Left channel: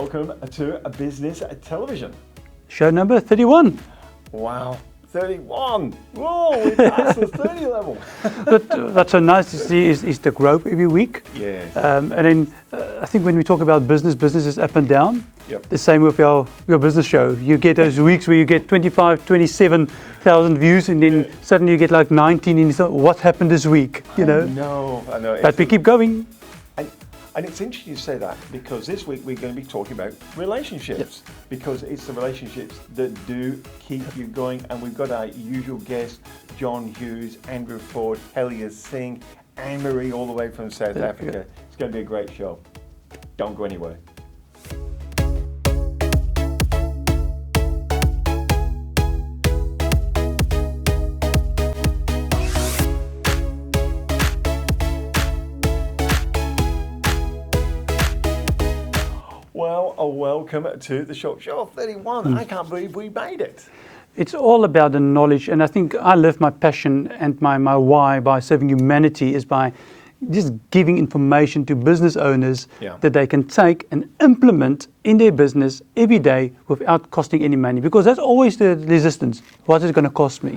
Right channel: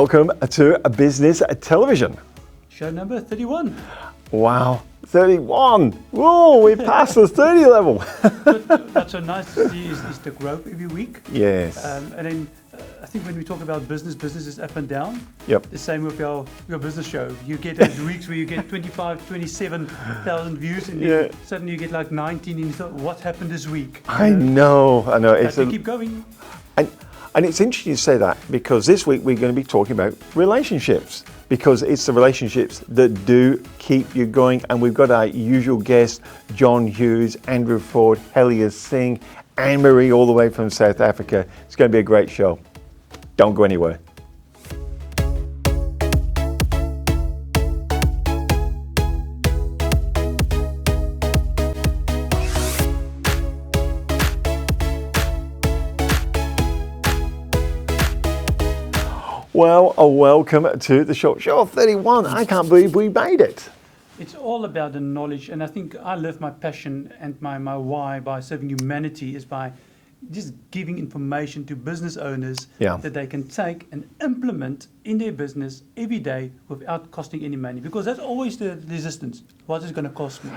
Welcome to Business Television. Show number 31. Wow, 31. Whoa, we passed the 30 level. But that's so nice to see is the growth every week. Yes. And then I think when we talk about business is up and down. Yep. The same with your business show. You get those weeks where you get 25, 27,000 views and then suddenly you get like 19 and you thought, what happened this week? I know. But we keep going. And it's interesting you say that because this week we're going to be talking about relationships because it's the relationships that do keep you going. And we've got our usual guests, John Hughes, Andrew Ford, Helia, Singh, Annemarie all the way from South Africa. It's going to be a great show. Don't go anywhere. Well, welcome to the Short Show 31. I can't believe we made it. It's all about the knowledge, and I think I live my passion and my why by serving humanity is by just giving information to business owners that they can take and implement in their business every day without costing any money, because that's always the resistance. What is it going to cost me?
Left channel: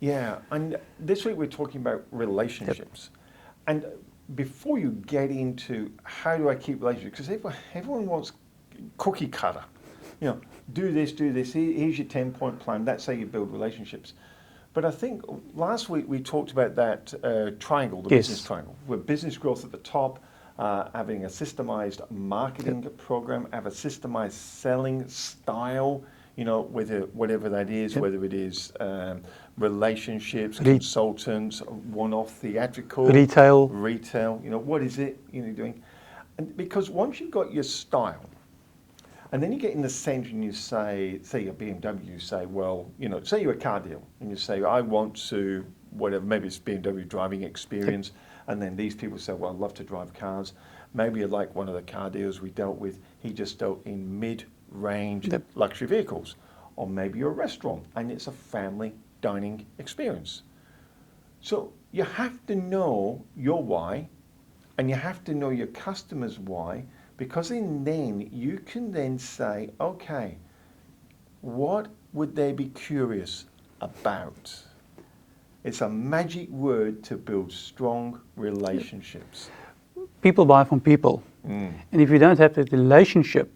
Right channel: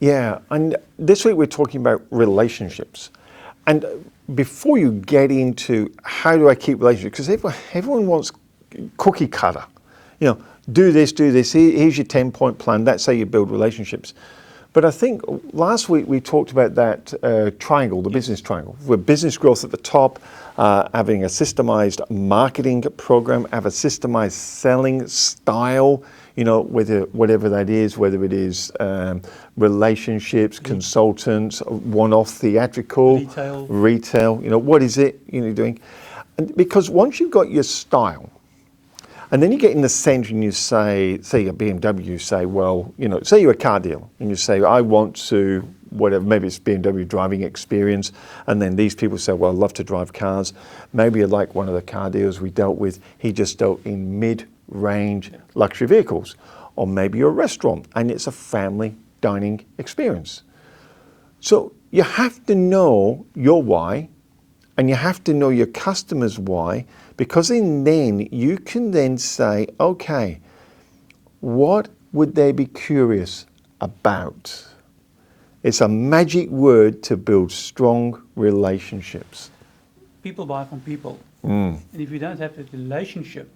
Yeah, and this week we're talking about relationships. And before you get into how do I keep relationships, because everyone wants cookie cutter, do this, here's your 10-point plan, that's how you build relationships. But I think last week we talked about that triangle, the business triangle, with business growth at the top, having a systemized marketing program, have a systemized selling style, whatever that is, whether it is relationships, consultants, one-off theatrical, retail, what is it you're doing? And because once you've got your style, and then you get in the center and you say a BMW, you say, well, say you're a car dealer and you say, I want to, whatever, maybe it's BMW driving experience. And then these people say, well, I love to drive cars. Maybe you're like one of the car dealers we dealt with. He just dealt in mid-range luxury vehicles. Or maybe you're a restaurant and it's a family dining experience. So you have to know your why and you have to know your customer's why, because then you can then say, okay, what would they be curious about? It's a magic word to build strong relationships. People buy from people. And if you don't have that relationship,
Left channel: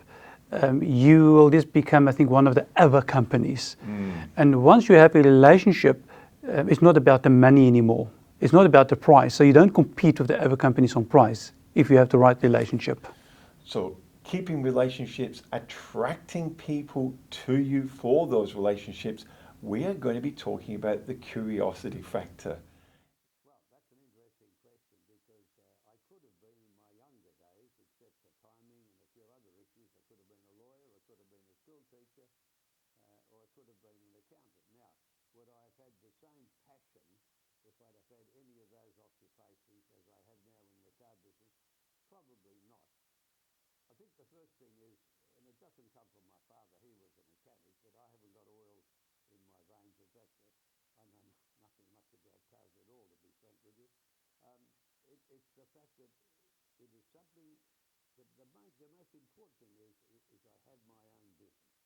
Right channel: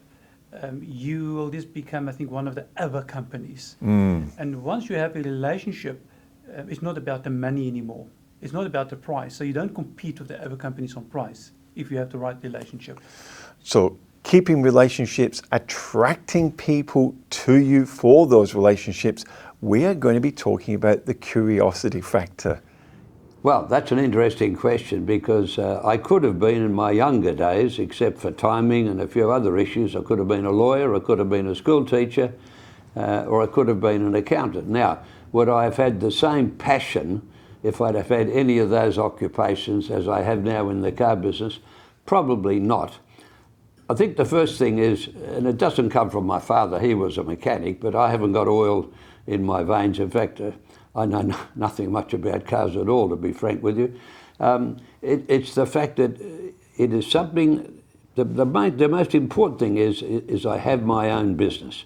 you will just become, I think, one of the other companies. And once you have a relationship, it's not about the money anymore. It's not about the price. So you don't compete with the other companies on price if you have the right relationship. So keeping relationships, attracting people to you for those relationships, we are going to be talking about the curiosity factor. Well, that's an interesting question because I could have been in my younger days, except for timing and a few other issues. I could have been a lawyer, I could have been a school teacher, or I could have been an accountant. Now, would I have had the same passion if I'd have had any of those occupations as I have now in the car business? Probably not. I think the first thing is, and it doesn't come from my father, he was a mechanic, but I haven't got oil in my veins. In fact, I know nothing much about cars at all, to be frank with you. It's the fact that it is something, the most important thing is I have my own business.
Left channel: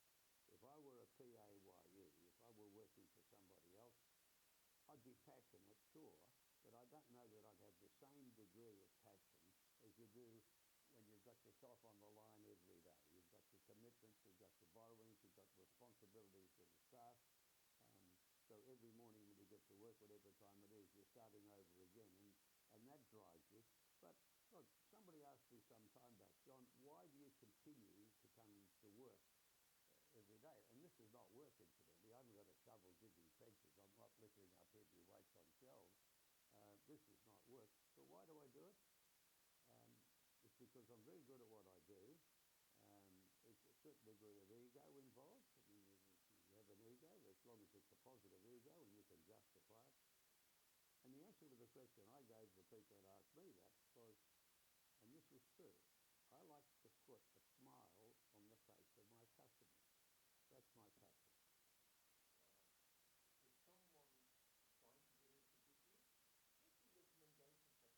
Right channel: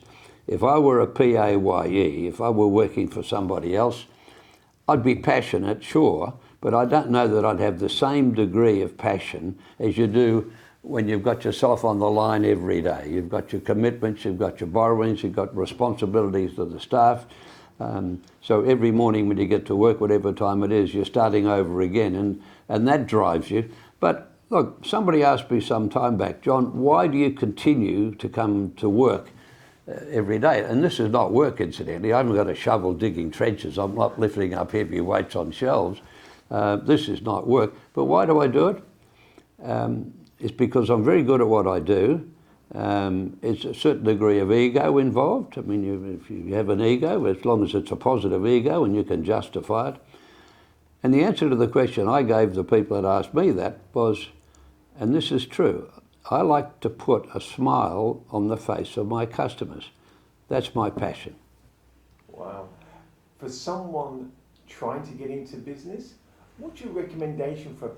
If I were a PAYE, if I were working for somebody else, I'd be passionate, sure, but I don't know that I'd have the same degree of passion as you do when you've got yourself on the line every day. You've got your commitments, you've got your borrowings, you've got responsibilities to the staff. So every morning when you get to work, whatever time it is, you're starting over again, and that drives you. But look, somebody asked me some time back, John, why do you continue to come to work every day? And this is not work, incidentally. I haven't got a shovel digging trenches. I'm not lifting up heavy weights on shelves. This is not work. But why do I do it? It's because I'm very good at what I do. It's a certain degree of ego involved. I mean, if you have an ego, as long as it's a positive ego and you can justify it. And the answer to the question I gave the people that asked me that was, and this is true, I like to put a smile on the face of my customers. That's my passion. Wow. For someone trying to get into business, what's your recommendation for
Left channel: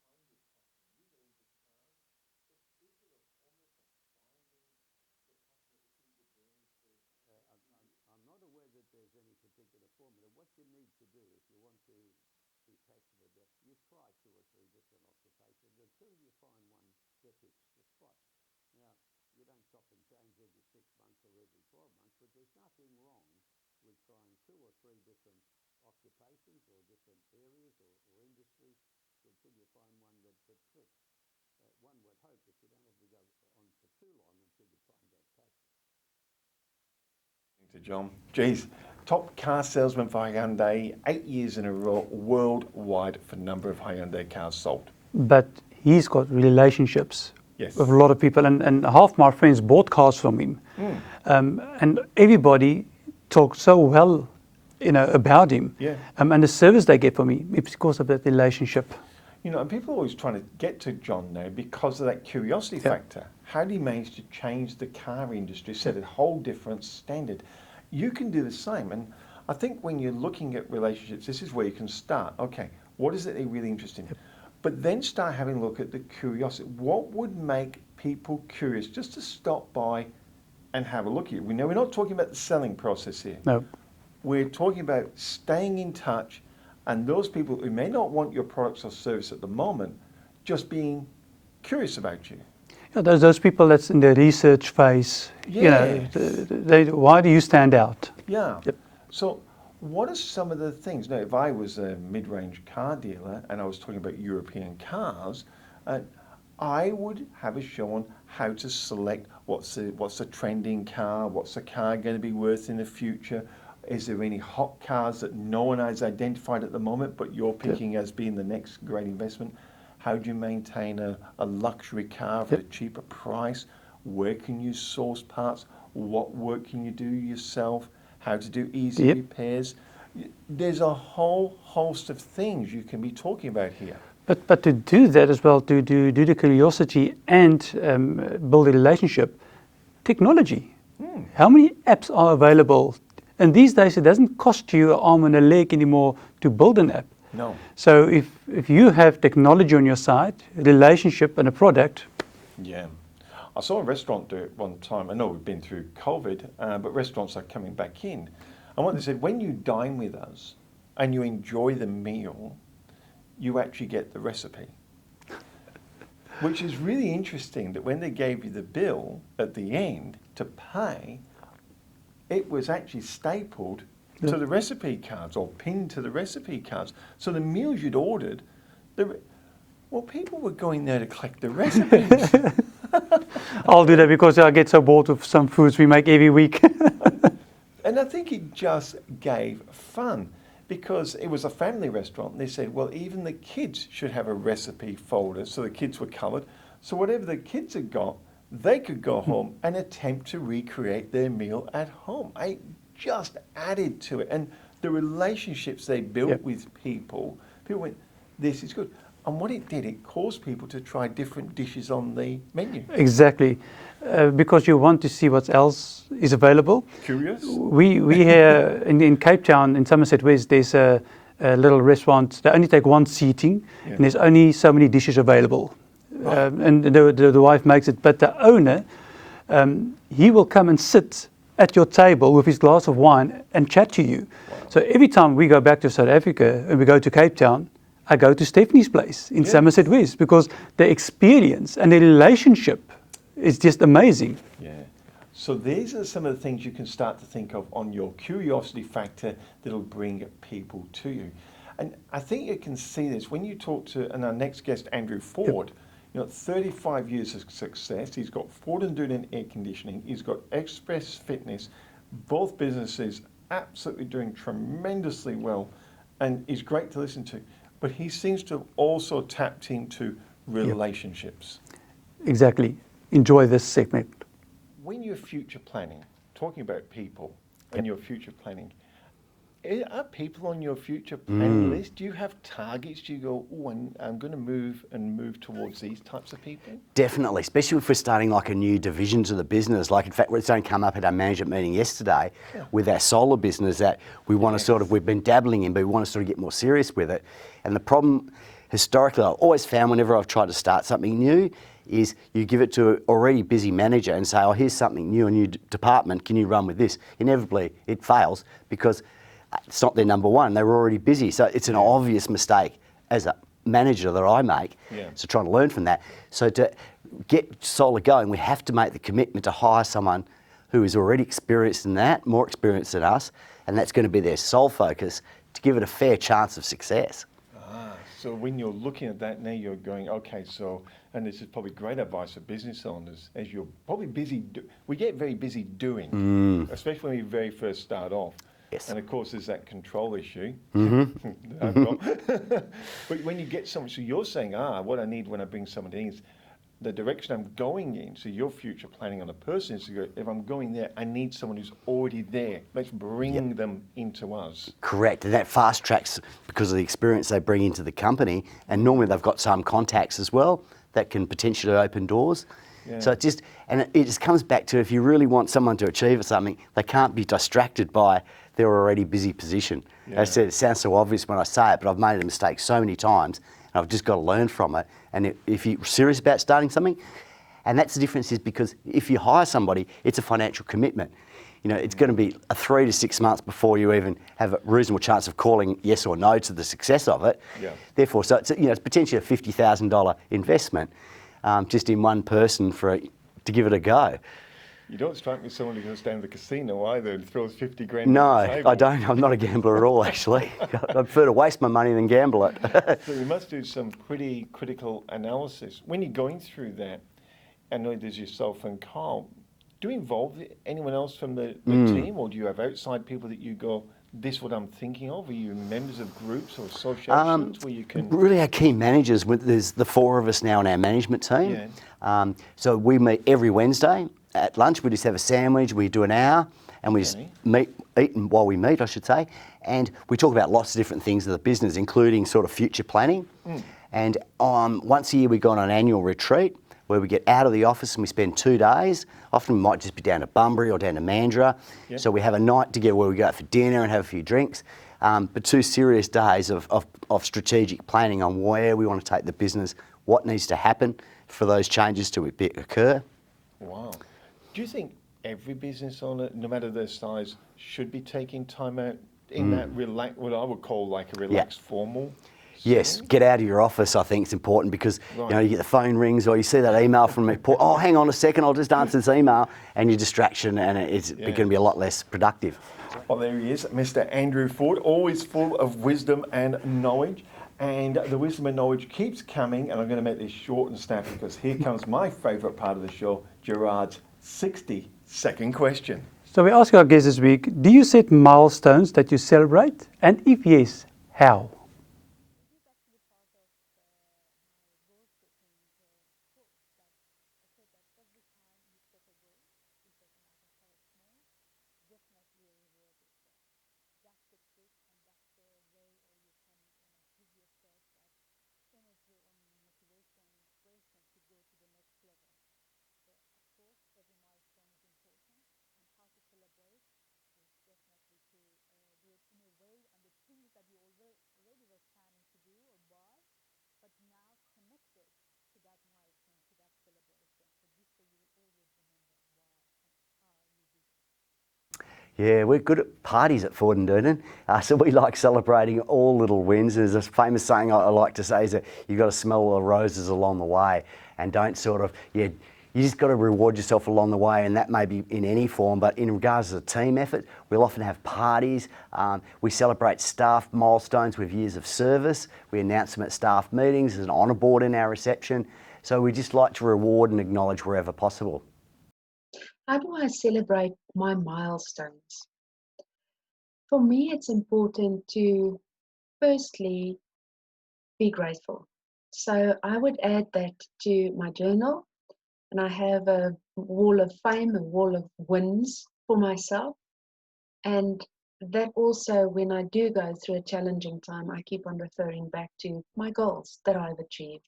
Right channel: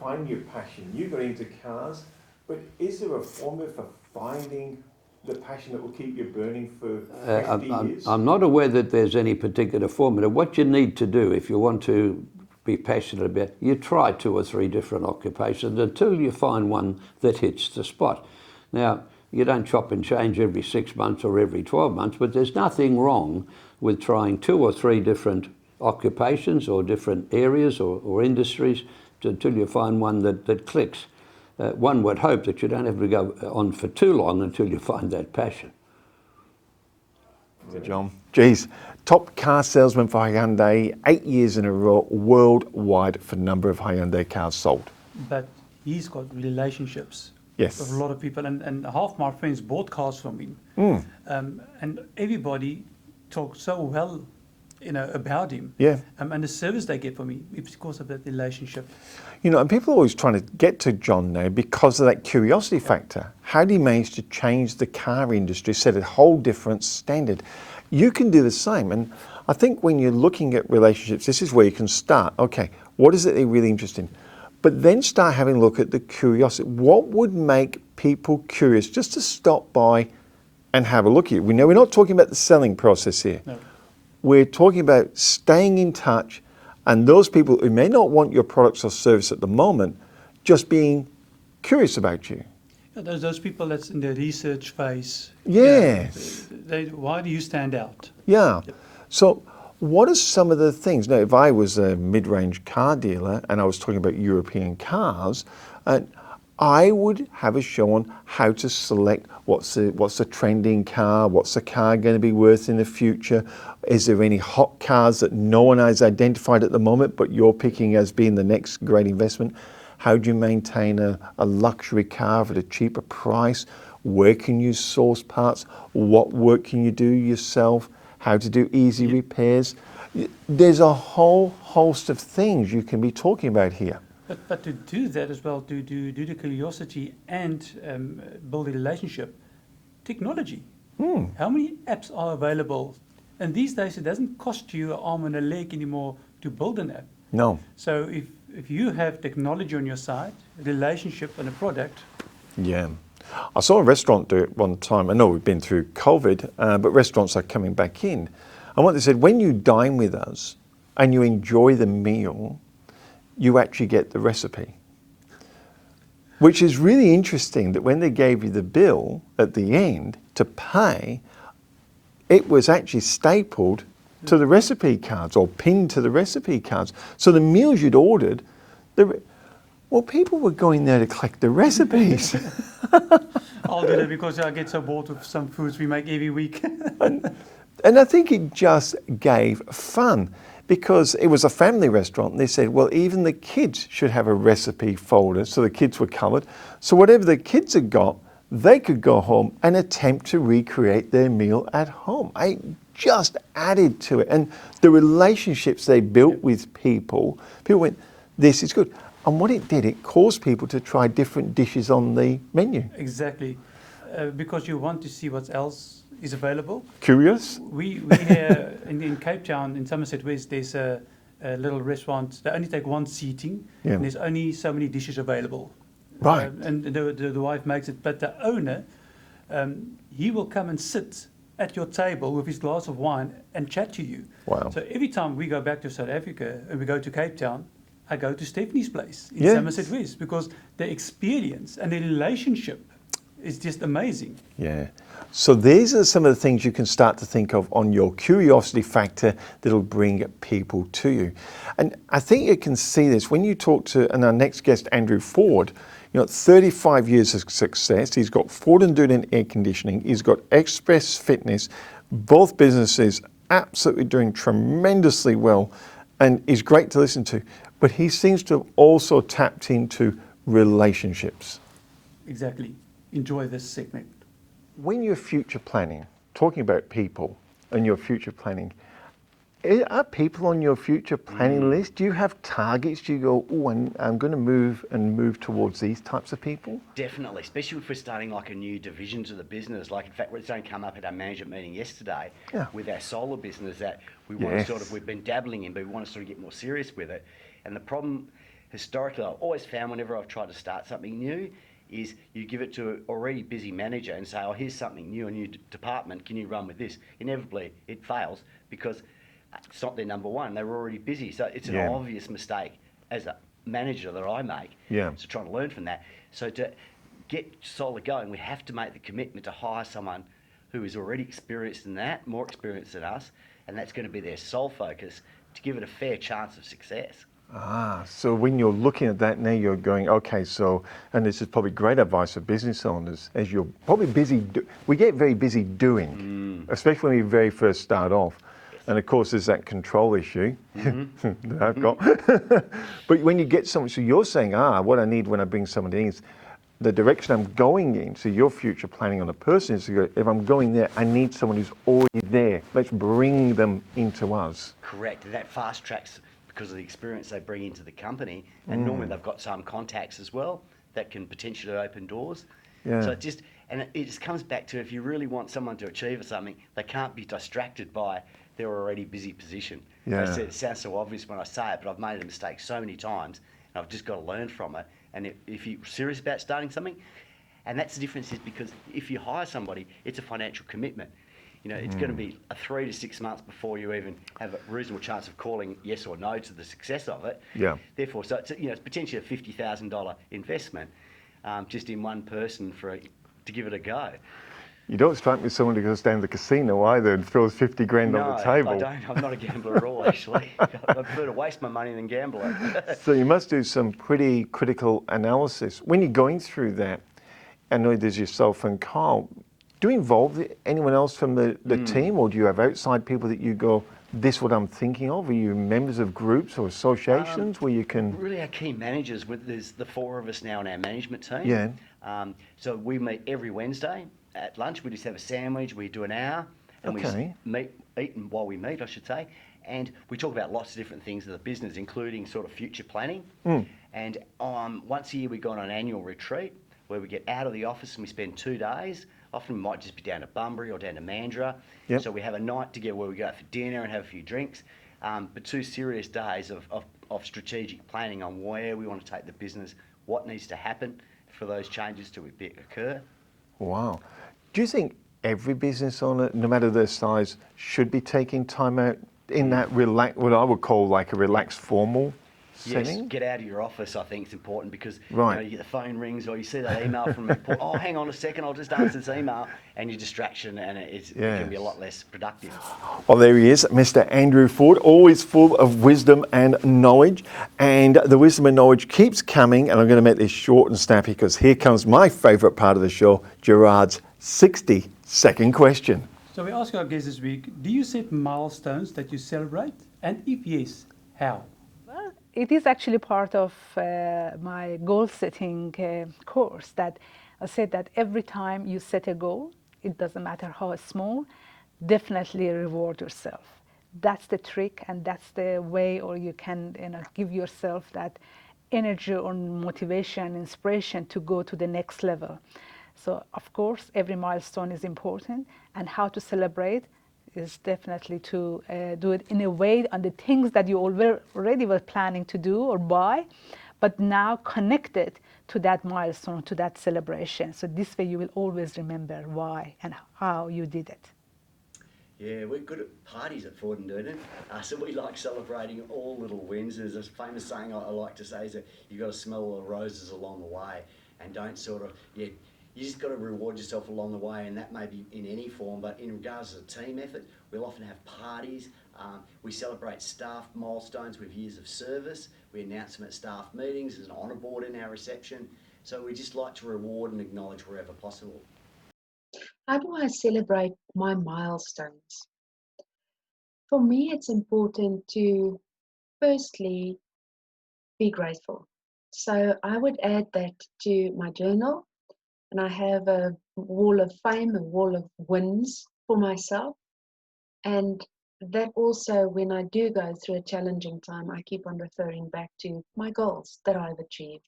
finding your passion? You got into cars, but is there a formula for finding the passion that will keep you burning for 50 years? I'm not aware that there's any particular formula. What you need to do if you want to be passionate about, you try 2 or 3 different occupations until you find one that hits the spot. Now, you don't chop and change every 6 months or every 12 months, but there's nothing wrong with trying 2 or 3 different occupations or different areas or industries until you find one that clicks. One would hope that you don't have to go on for too long until you find that passion. John, geez, top car salesman for Hyundai, 8 years in a row, worldwide for number of Hyundai cars sold. But he's got relationships Yes. with a lot of people, and half my friends bought cars from him. And everybody talks so well, about him. Yeah. And the service they get from me, it's because of that relationship. And people are always trying to get to John now because of that curiosity factor. How do you manage to change the car industry, set a whole different standard? You can do the same. And I think when you're looking at relationships, this is where you can start. Okay, what is it they're really interested in? But then start having a look at the curiosity. What would make people curious just to stop by and have a look at you? We know we're not talking about the selling process here. No. We're talking about staying in touch, and those people who may not want your products or service at the moment, just being curious about you. Those people that's in the research phase. Yeah. Why do you stand out? Yeah. So what are some of the things? Now, if I was a mid-range car dealer and I was talking about European cars, I would have a show on how to select what's the trending car, what's the car going to be worth in the future. Is there any hot cars that no one has identified at the moment, but you're picking as being the next great investment? How do you maintain a luxury car at a cheaper price? Where can you source parts? What work can you do yourself? How to do easy repairs? There's a whole host of things you can be talking about here. But to do that as well, to do the curiosity and build a relationship, technology. How many apps are available? And these days, it doesn't cost you an arm and a leg anymore to build an app. No. So if you have technology on your side, a relationship and a product. Yeah. I saw a restaurant do it one time. I know we've been through COVID, but restaurants are coming back in. And what they said, when you dine with us and you enjoy the meal, you actually get the recipe. Which is really interesting that when they gave you the bill at the end to pay, it was actually stapled to the recipe cards or pinned to the recipe cards. So the meals you'd ordered, people were going there to collect the recipes. I'll do that because I get so bored of some foods we make every week. And I think it just gave fun because it was a family restaurant. And they said, well, even the kids should have a recipe folder. So the kids were covered. So whatever the kids had got, they could go home and attempt to recreate their meal at home. I just added to it. And the relationships they built with people went, this is good. And what it did, it caused people to try different dishes on the menu. Exactly. Because you want to see what else is available. Curious? We here in Cape Town, in Somerset West, there's a little restaurant. They only take one seating, and there's only so many dishes available. Right. And the wife makes it. But the owner, he will come and sit at your table with his glass of wine and chat to you. Wow. So every time we go back to South Africa and we go to Cape Town, I go to Stephanie's place in Somerset West because the experience and the relationship is just amazing. Yeah. So these are some of the things you can start to think of on your curiosity factor that'll bring people to you. And I think you can see this when you talk to, and our next guest, Andrew Ford, 35 years of success. He's got Ford and Doonan Air Conditioning. He's got Express Fitness. Both businesses absolutely doing tremendously well and is great to listen to. But he seems to have also tapped into relationships. Exactly. Enjoy this segment. When you're future planning, talking about people and your future planning, are people on your future planning list? Do you have targets? Do you go, oh, I'm going to move towards these types of people? Definitely, especially if we're starting like a new division to the business. Like, in fact, it's only come up at our management meeting yesterday with our solar business that we want to we've been dabbling in, but we want to sort of get more serious with it. And the problem, historically, I've always found whenever I've tried to start something new, is you give it to an already busy manager and say, oh, here's something new, a new department, can you run with this? Inevitably, it fails because it's not their number one. They were already busy. So it's an obvious mistake as a manager that I make. Yeah. So trying to learn from that. So to get solar going, we have to make the commitment to hire someone who is already experienced in that, more experienced than us, and that's going to be their sole focus to give it a fair chance of success. So when you're looking at that now, you're going, okay, so, and this is probably great advice for business owners, as you're probably busy, we get very busy doing, especially when we very first start off. Yes. And of course, there's that control issue that I've got. But when you get someone, so you're saying, what I need when I bring someone in is the direction I'm going in. So your future planning on a person is to go, if I'm going there, I need someone who's already there. Let's bring them into us. Correct, and that fast tracks because of the experience they bring into the company, and normally they've got some contacts as well that can potentially open doors. Yeah. So it just comes back to, if you really want someone to achieve something, they can't be distracted by their already busy position. Yeah. I said it sounds so obvious when I say it, but I've made a mistake so many times, and I've just got to learn from it. And if you're serious about starting something, and that's the difference, is because if you hire somebody, it's a financial commitment. You know, it's going to be 3 to 6 months before you even have a reasonable chance of calling yes or no to the success of it. Yeah. Therefore, so it's, it's potentially a $50,000 investment just in one person to give it a go. You don't strike me as someone who goes down to the casino either and throws 50 grand on the No, table. I don't. I'm not a gambler at all, actually. I prefer to waste my money than gamble it. So you must do some pretty critical analysis. When you're going through that, I know there's yourself and Carl, do you involve anyone else from the team, or do you have outside people that you go, this is what I'm thinking of? Are you members of groups or associations where you can... Really, our key managers, there's the 4 of us now on our management team. Yeah. So we meet every Wednesday. At lunch, we just have a sandwich, we do an hour, and we just eat while we meet, I should say. And we talk about lots of different things of the business, including sort of future planning. And once a year, we go on an annual retreat where we get out of the office and we spend 2 days. Often we might just be down to Bunbury or down to Mandurah. Yep. So we have a night together where we go out for dinner and have a few drinks. But 2 serious days of strategic planning on where we want to take the business, what needs to happen for those changes to occur. Wow. Do you think every business owner, no matter their size, should be taking time out in that what I would call like a relaxed formal Yes, setting? get out of your office, I think, is important because you get the phone rings or you see that email from me, oh, hang on a second, I'll just answer this email, and your distraction, and it's going to be a lot less productive. Well, there he is, Mr. Andrew Ford, always full of wisdom and knowledge. And the wisdom and knowledge keeps coming, and I'm going to make this short and snappy because here comes my favourite part of the show, Gerard's 60-second question. So we ask our guests this week, do you set milestones that you celebrate? And if yes, how? Well, it is actually part of my goal-setting course that I said that every time you set a goal, it doesn't matter how small, definitely reward yourself. That's the trick, and that's the way, or you can give yourself that energy or motivation, inspiration to go to the next level. So of course, every milestone is important, and how to celebrate is definitely to do it in a way on the things that you already were planning to do or buy, but now connect it to that milestone, to that celebration. So this way you will always remember why and how you did it. Yeah, we're good at parties at Ford and Durden, so we like celebrating all little wins. There's a famous saying I like to say is that you've got to smell the roses along the way, and don't you just got to reward yourself along the way, and that may be in any form, but in regards to the team effort, we'll often have parties. We celebrate staff milestones with years of service. We announce them at staff meetings. There's an honour board in our reception. So we just like to reward and acknowledge wherever possible. How do I celebrate my milestones? For me, it's important to firstly be grateful. So I would add that to my journal, and I have a wall of fame, a wall of wins for myself. And that also, when I do go through a challenging time, I keep on referring back to my goals that I've achieved.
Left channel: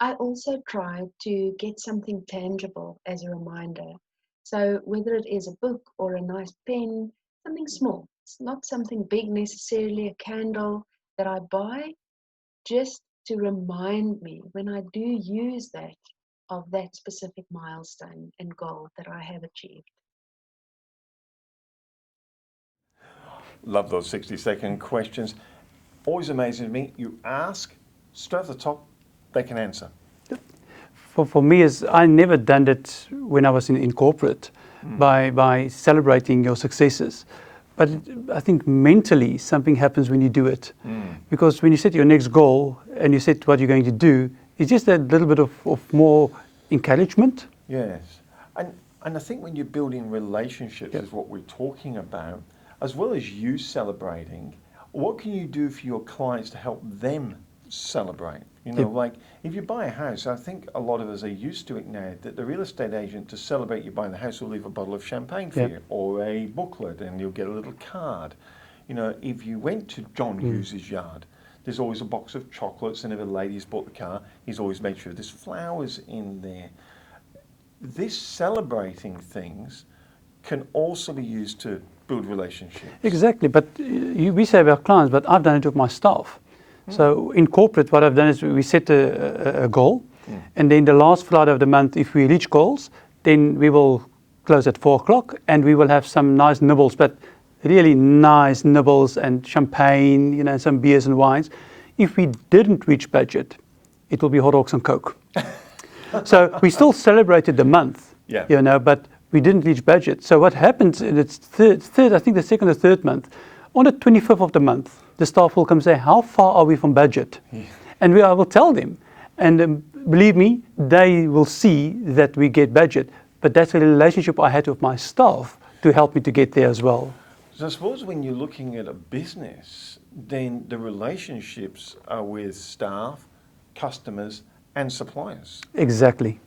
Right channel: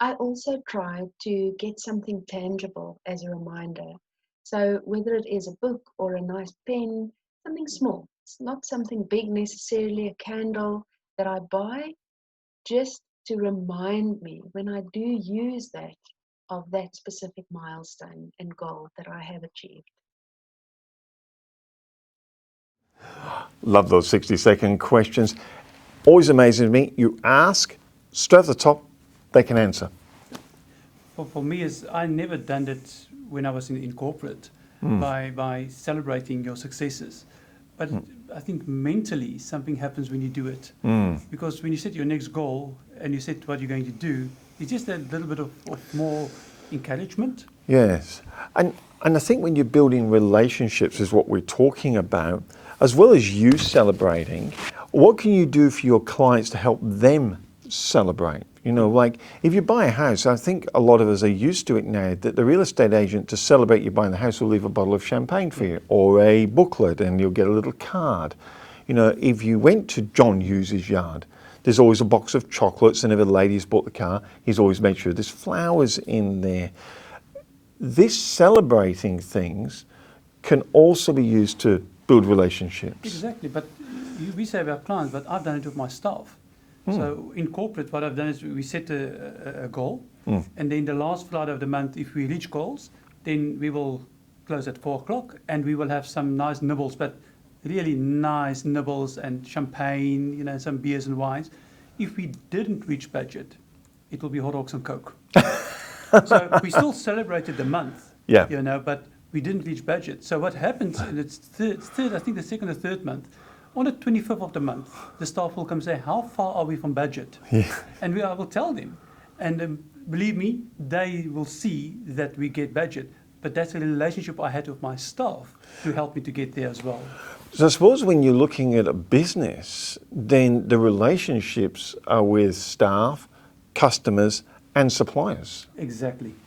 I also try to get something tangible as a reminder. So whether it is a book or a nice pen, something small, it's not something big necessarily, a candle that I buy, just to remind me when I do use that, of that specific milestone and goal that I have achieved. Love those 60-second questions. Always amazing to me. You ask, straight off the top, they can answer. For me, is I never done it when I was in corporate by celebrating your successes. But I think mentally something happens when you do it. Because when you set your next goal and you set what you're going to do, it's just a little bit of more encouragement. Yes. And I think when you're building relationships is what we're talking about, as well as you celebrating, what can you do for your clients to help them celebrate? You know, like if you buy a house, I think a lot of us are used to it now that the real estate agent, to celebrate you buying the house, will leave a bottle of champagne for you or a booklet, and you'll get a little card. You know, if you went to John Hughes' yard, there's always a box of chocolates, and if a lady's bought the car, he's always made sure there's flowers in there. This celebrating things can also be used to build relationships. Exactly, but we say about clients, but I've done it with my staff. So in corporate, what I've done is we set a goal, and then the last Friday of the month, if we reach goals, then we will close at 4 o'clock, and we will have some nice nibbles, but really nice nibbles and champagne, you know, some beers and wines. If we didn't reach budget, it will be hot dogs and Coke. So we still celebrated the month, you know, but we didn't reach budget. So what happens in its third, I think the second or third month, on the 25th of the month, the staff will come say, how far are we from budget? And I will tell them. And believe me, they will see that we get budget. But that's a relationship I had with my staff to help me to get there as well. So I suppose when you're looking at a business, then the relationships are with staff, customers, and suppliers. Exactly.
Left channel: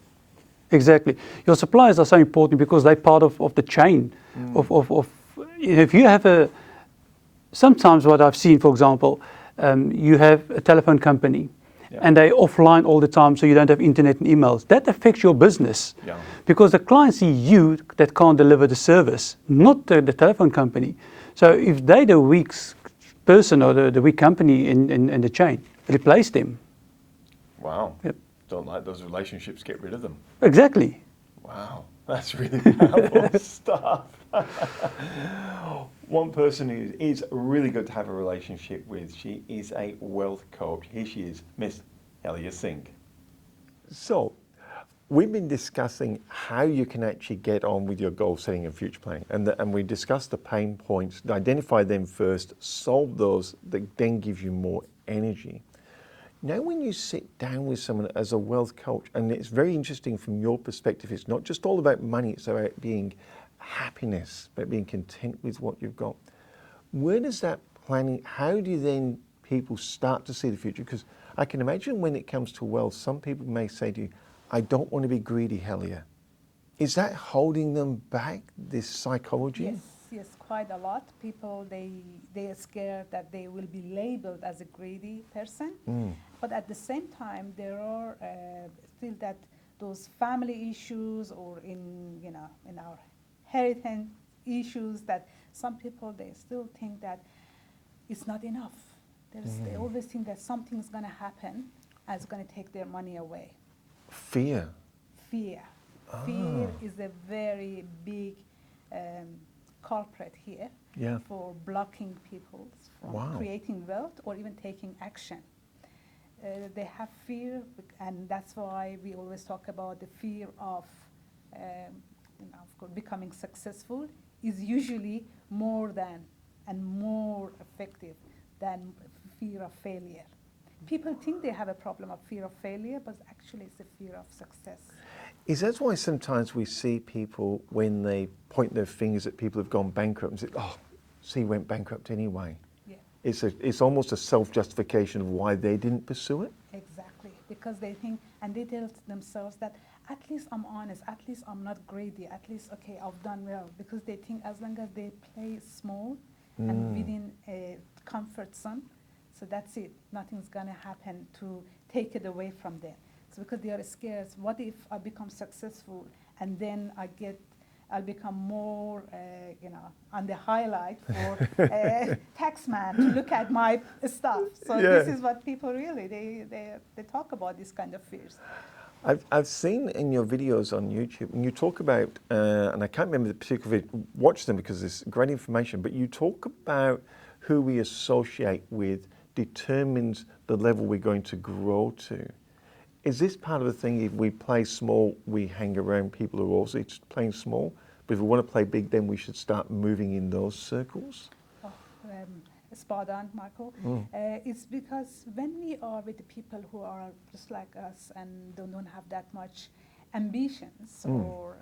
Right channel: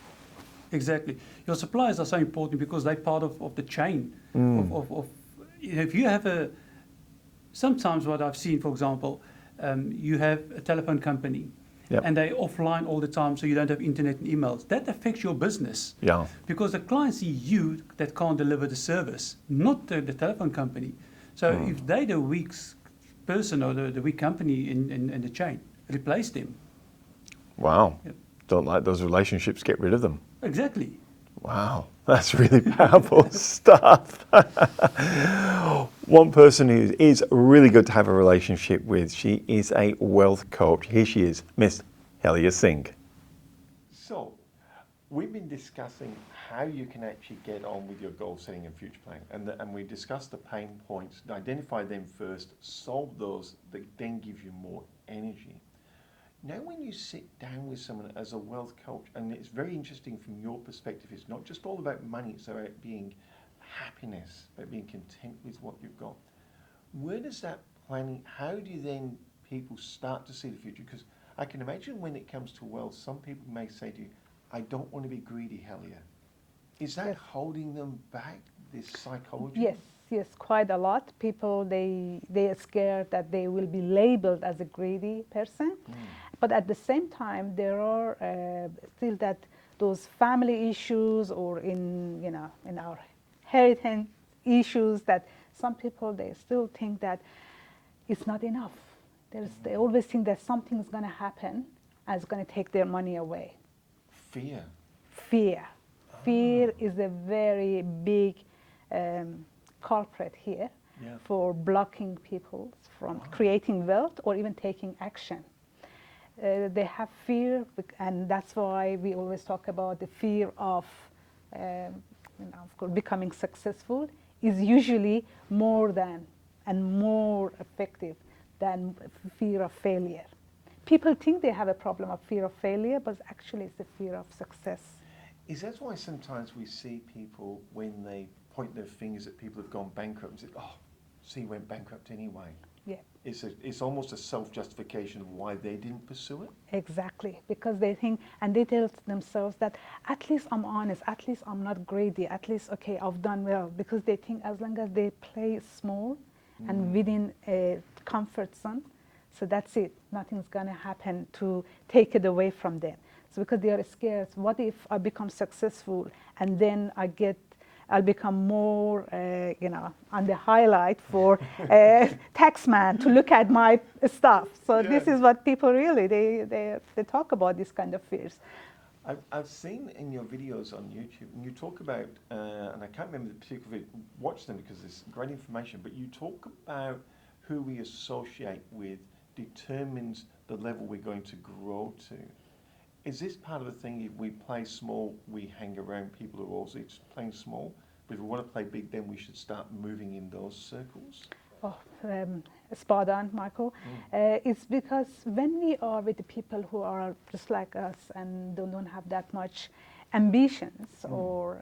Exactly. Your suppliers are so important because they're part of the chain. If you have sometimes what I've seen, for example, you have a telephone company and they're offline all the time, so you don't have internet and emails. That affects your business because the client see you that can't deliver the service, not the telephone company. So if they're the weak person or the weak company in the chain, replace them. Wow. Don't like those relationships, get rid of them. Exactly. Wow, that's really powerful stuff. One person who is really good to have a relationship with, she is a wealth coach. Here she is, Miss Helia Singh. So, we've been discussing how you can actually get on with your goal setting and future planning. And we discussed the pain points, identify them first, solve those, that then give you more energy. Now, when you sit down with someone as a wealth coach, and it's very interesting from your perspective, it's not just all about money, it's about being happiness, about being content with what you've got. Where does that planning, how do then people start to see the future? Because I can imagine when it comes to wealth, some people may say to you, I don't want to be greedy, Helia. Is that holding them back, this psychology? Yes, quite a lot. People, they are scared that they will be labeled as a greedy person. But at the same time, there are still those family issues or in our heritage issues that some people, they still think that it's not enough. They always think that something is going to happen and it's going to take their money away. Fear. Fear is a very big culprit here for blocking people from creating wealth or even taking action. They have fear, and that's why we always talk about the fear of, of course, becoming successful is usually more effective than fear of failure. People think they have a problem of fear of failure, but actually it's a fear of success. Is that why sometimes we see people, when they point their fingers at people who've gone bankrupt and say, oh, see, went bankrupt anyway? Yeah. It's almost a self-justification of why they didn't pursue it? Exactly, because they think, and they tell themselves that at least I'm honest, at least I'm not greedy, at least, okay, I've done well. Because they think as long as they play small and within a comfort zone, so that's it. Nothing's going to happen to take it away from them. So because they are scared, what if I become successful and then I'll become more, on the highlight for taxman to look at my stuff. So this is what people really, they talk about, this kind of fears. I've seen in your videos on YouTube, and you talk about, and I can't remember the particular video, watch them because it's great information, but you talk about who we associate with determines the level we're going to grow to. Is this part of the thing, if we play small, we hang around people who are also playing small? But if we want to play big, then we should start moving in those circles? Oh, spot on, Michael. It's because when we are with the people who are just like us and don't have that much ambitions or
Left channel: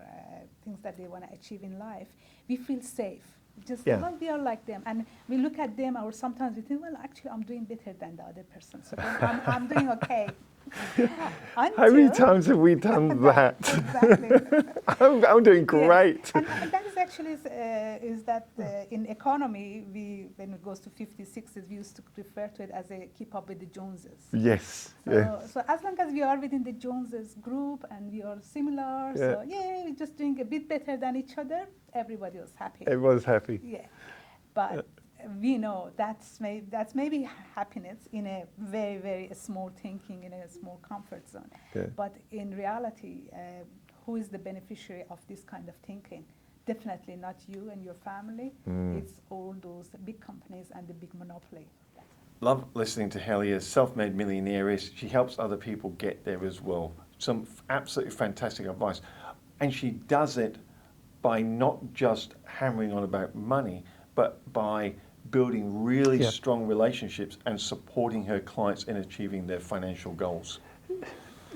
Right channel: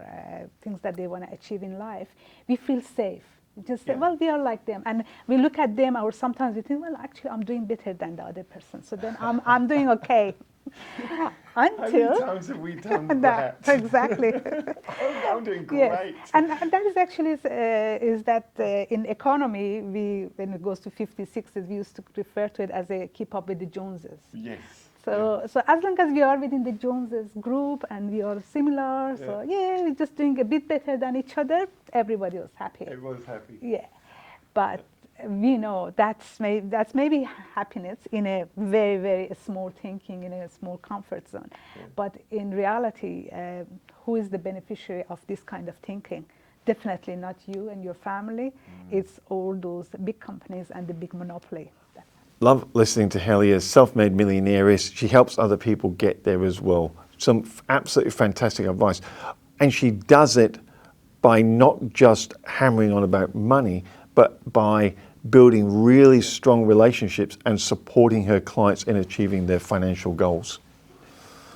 things that they want to achieve in life, we feel safe. Just well, we are like them, and we look at them, or sometimes we think, well, actually, I'm doing better than the other person, so then I'm doing okay. How many times have we done that? Exactly. I'm doing great. Yes. And that is actually is that in economy, when it goes to 50s, 60s, we used to refer to it as a keep up with the Joneses. Yes. So as long as we are within the Joneses group and we are similar, so we're just doing a bit better than each other, everybody was happy. Everyone's happy. Yeah, but we know that's maybe happiness in a very, very small thinking, in a small comfort zone. Yeah. But in reality, who is the beneficiary of this kind of thinking? Definitely not you and your family. It's all those big companies and the big monopoly. Love listening to Helia, self-made millionaires. She helps other people get there as well. Some absolutely fantastic advice. And she does it by not just hammering on about money, but by building really strong relationships and supporting her clients in achieving their financial goals.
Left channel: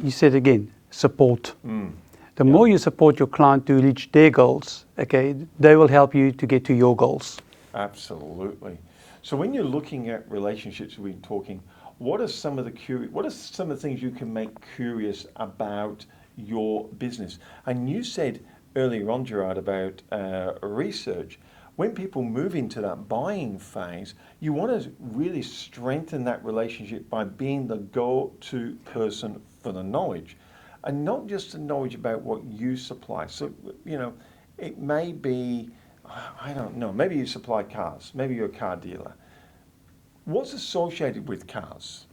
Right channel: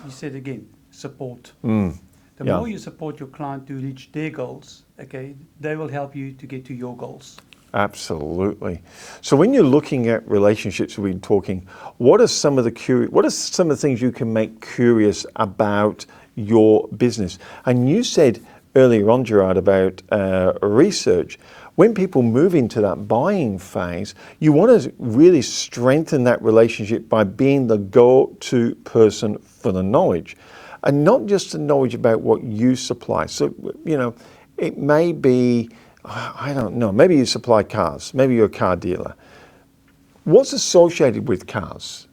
You said again, support. The more you support your client to reach their goals, okay, they will help you to get to your goals. Absolutely. So when you're looking at relationships, we've been talking, what are some of the things you can make curious about your business? And you said earlier on, Gerard, about research. When people move into that buying phase, you want to really strengthen that relationship by being the go-to person for the knowledge. And not just the knowledge about what you supply. So, it may be, I don't know, maybe you supply cars, maybe you're a car dealer. What's associated with cars?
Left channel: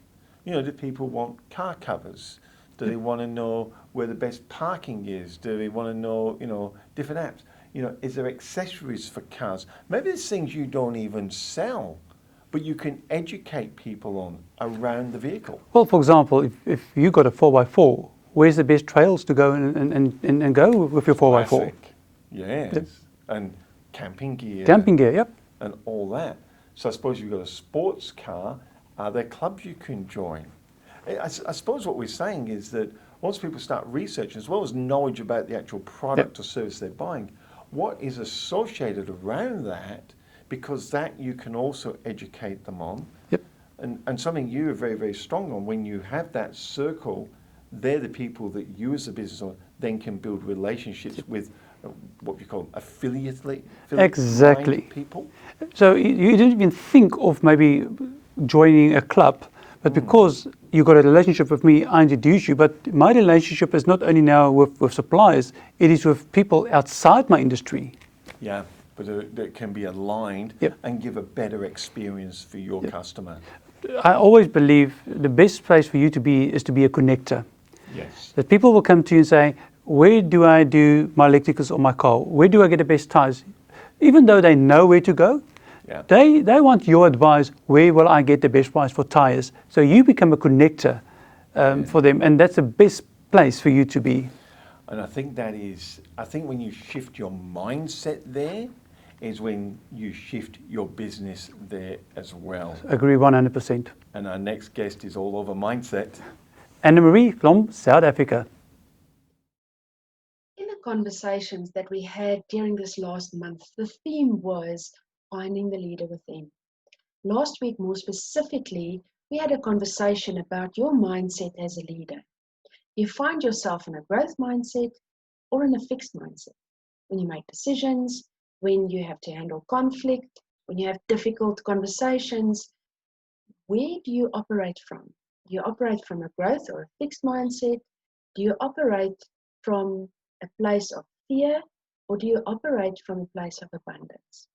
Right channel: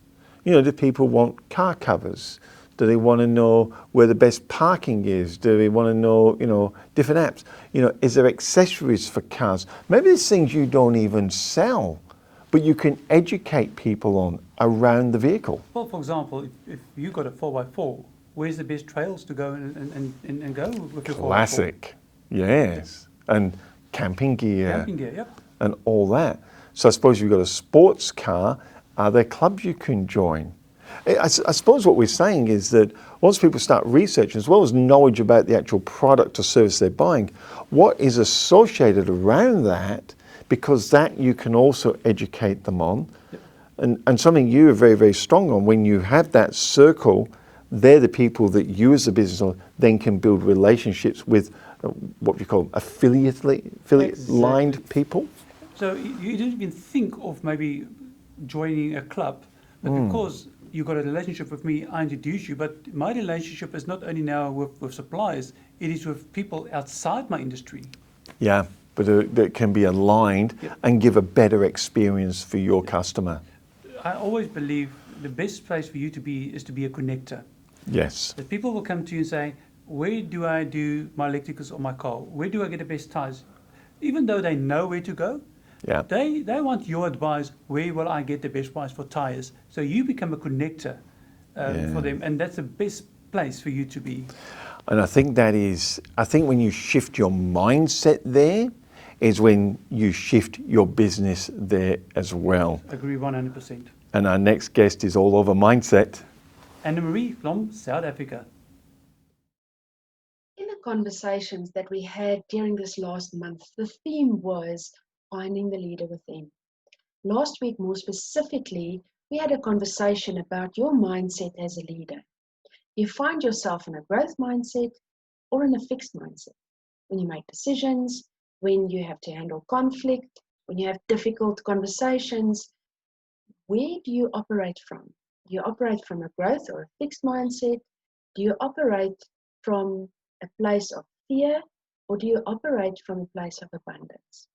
Do people want car covers? Do they want to know where the best parking is? Do they want to know, different apps? Is there accessories for cars? Maybe there's things you don't even sell, but you can educate people on around the vehicle. Well, for example, if you got a 4x4, where's the best trails to go and go with your 4x4? Classic, yes. And camping gear. Camping gear, yep. And all that. So I suppose you've got a sports car. Are there clubs you can join? I suppose what we're saying is that once people start researching, as well as knowledge about the actual product or service they're buying, what is associated around that, because that you can also educate them on. Yep. And something you are very, very strong on, when you have that circle, they're the people that you as a business owner then can build relationships with, what we call affiliate-aligned people. So you didn't even think of maybe joining a club, but because you got a relationship with me, I introduced you. But my relationship is not only now with suppliers, it is with people outside my industry. Yeah, but that can be aligned and give a better experience for your customer. I always believe the best place for you to be is to be a connector. Yes. That people will come to you and say, where do I do my electricals or my car? Where do I get the best tires? Even though they know where to go, they want your advice. Where will I get the best price for tires? So you become a connector for them, and that's the best place for you to be. And I think when you shift your mindset there, is when you shift your business there as well. Agree 100%. And our next guest is all over mindset. Annemarie from South Africa. In the conversations that we had during this last month, the theme was finding the leader within. Last week, more specifically, we had a conversation about your mindset as a leader. You find yourself in a growth mindset or in a fixed mindset. When you make decisions, when you have to handle conflict, when you have difficult conversations, where do you operate from? Do you operate from a growth or a fixed mindset? Do you operate from a place of fear, or do you operate from a place of abundance?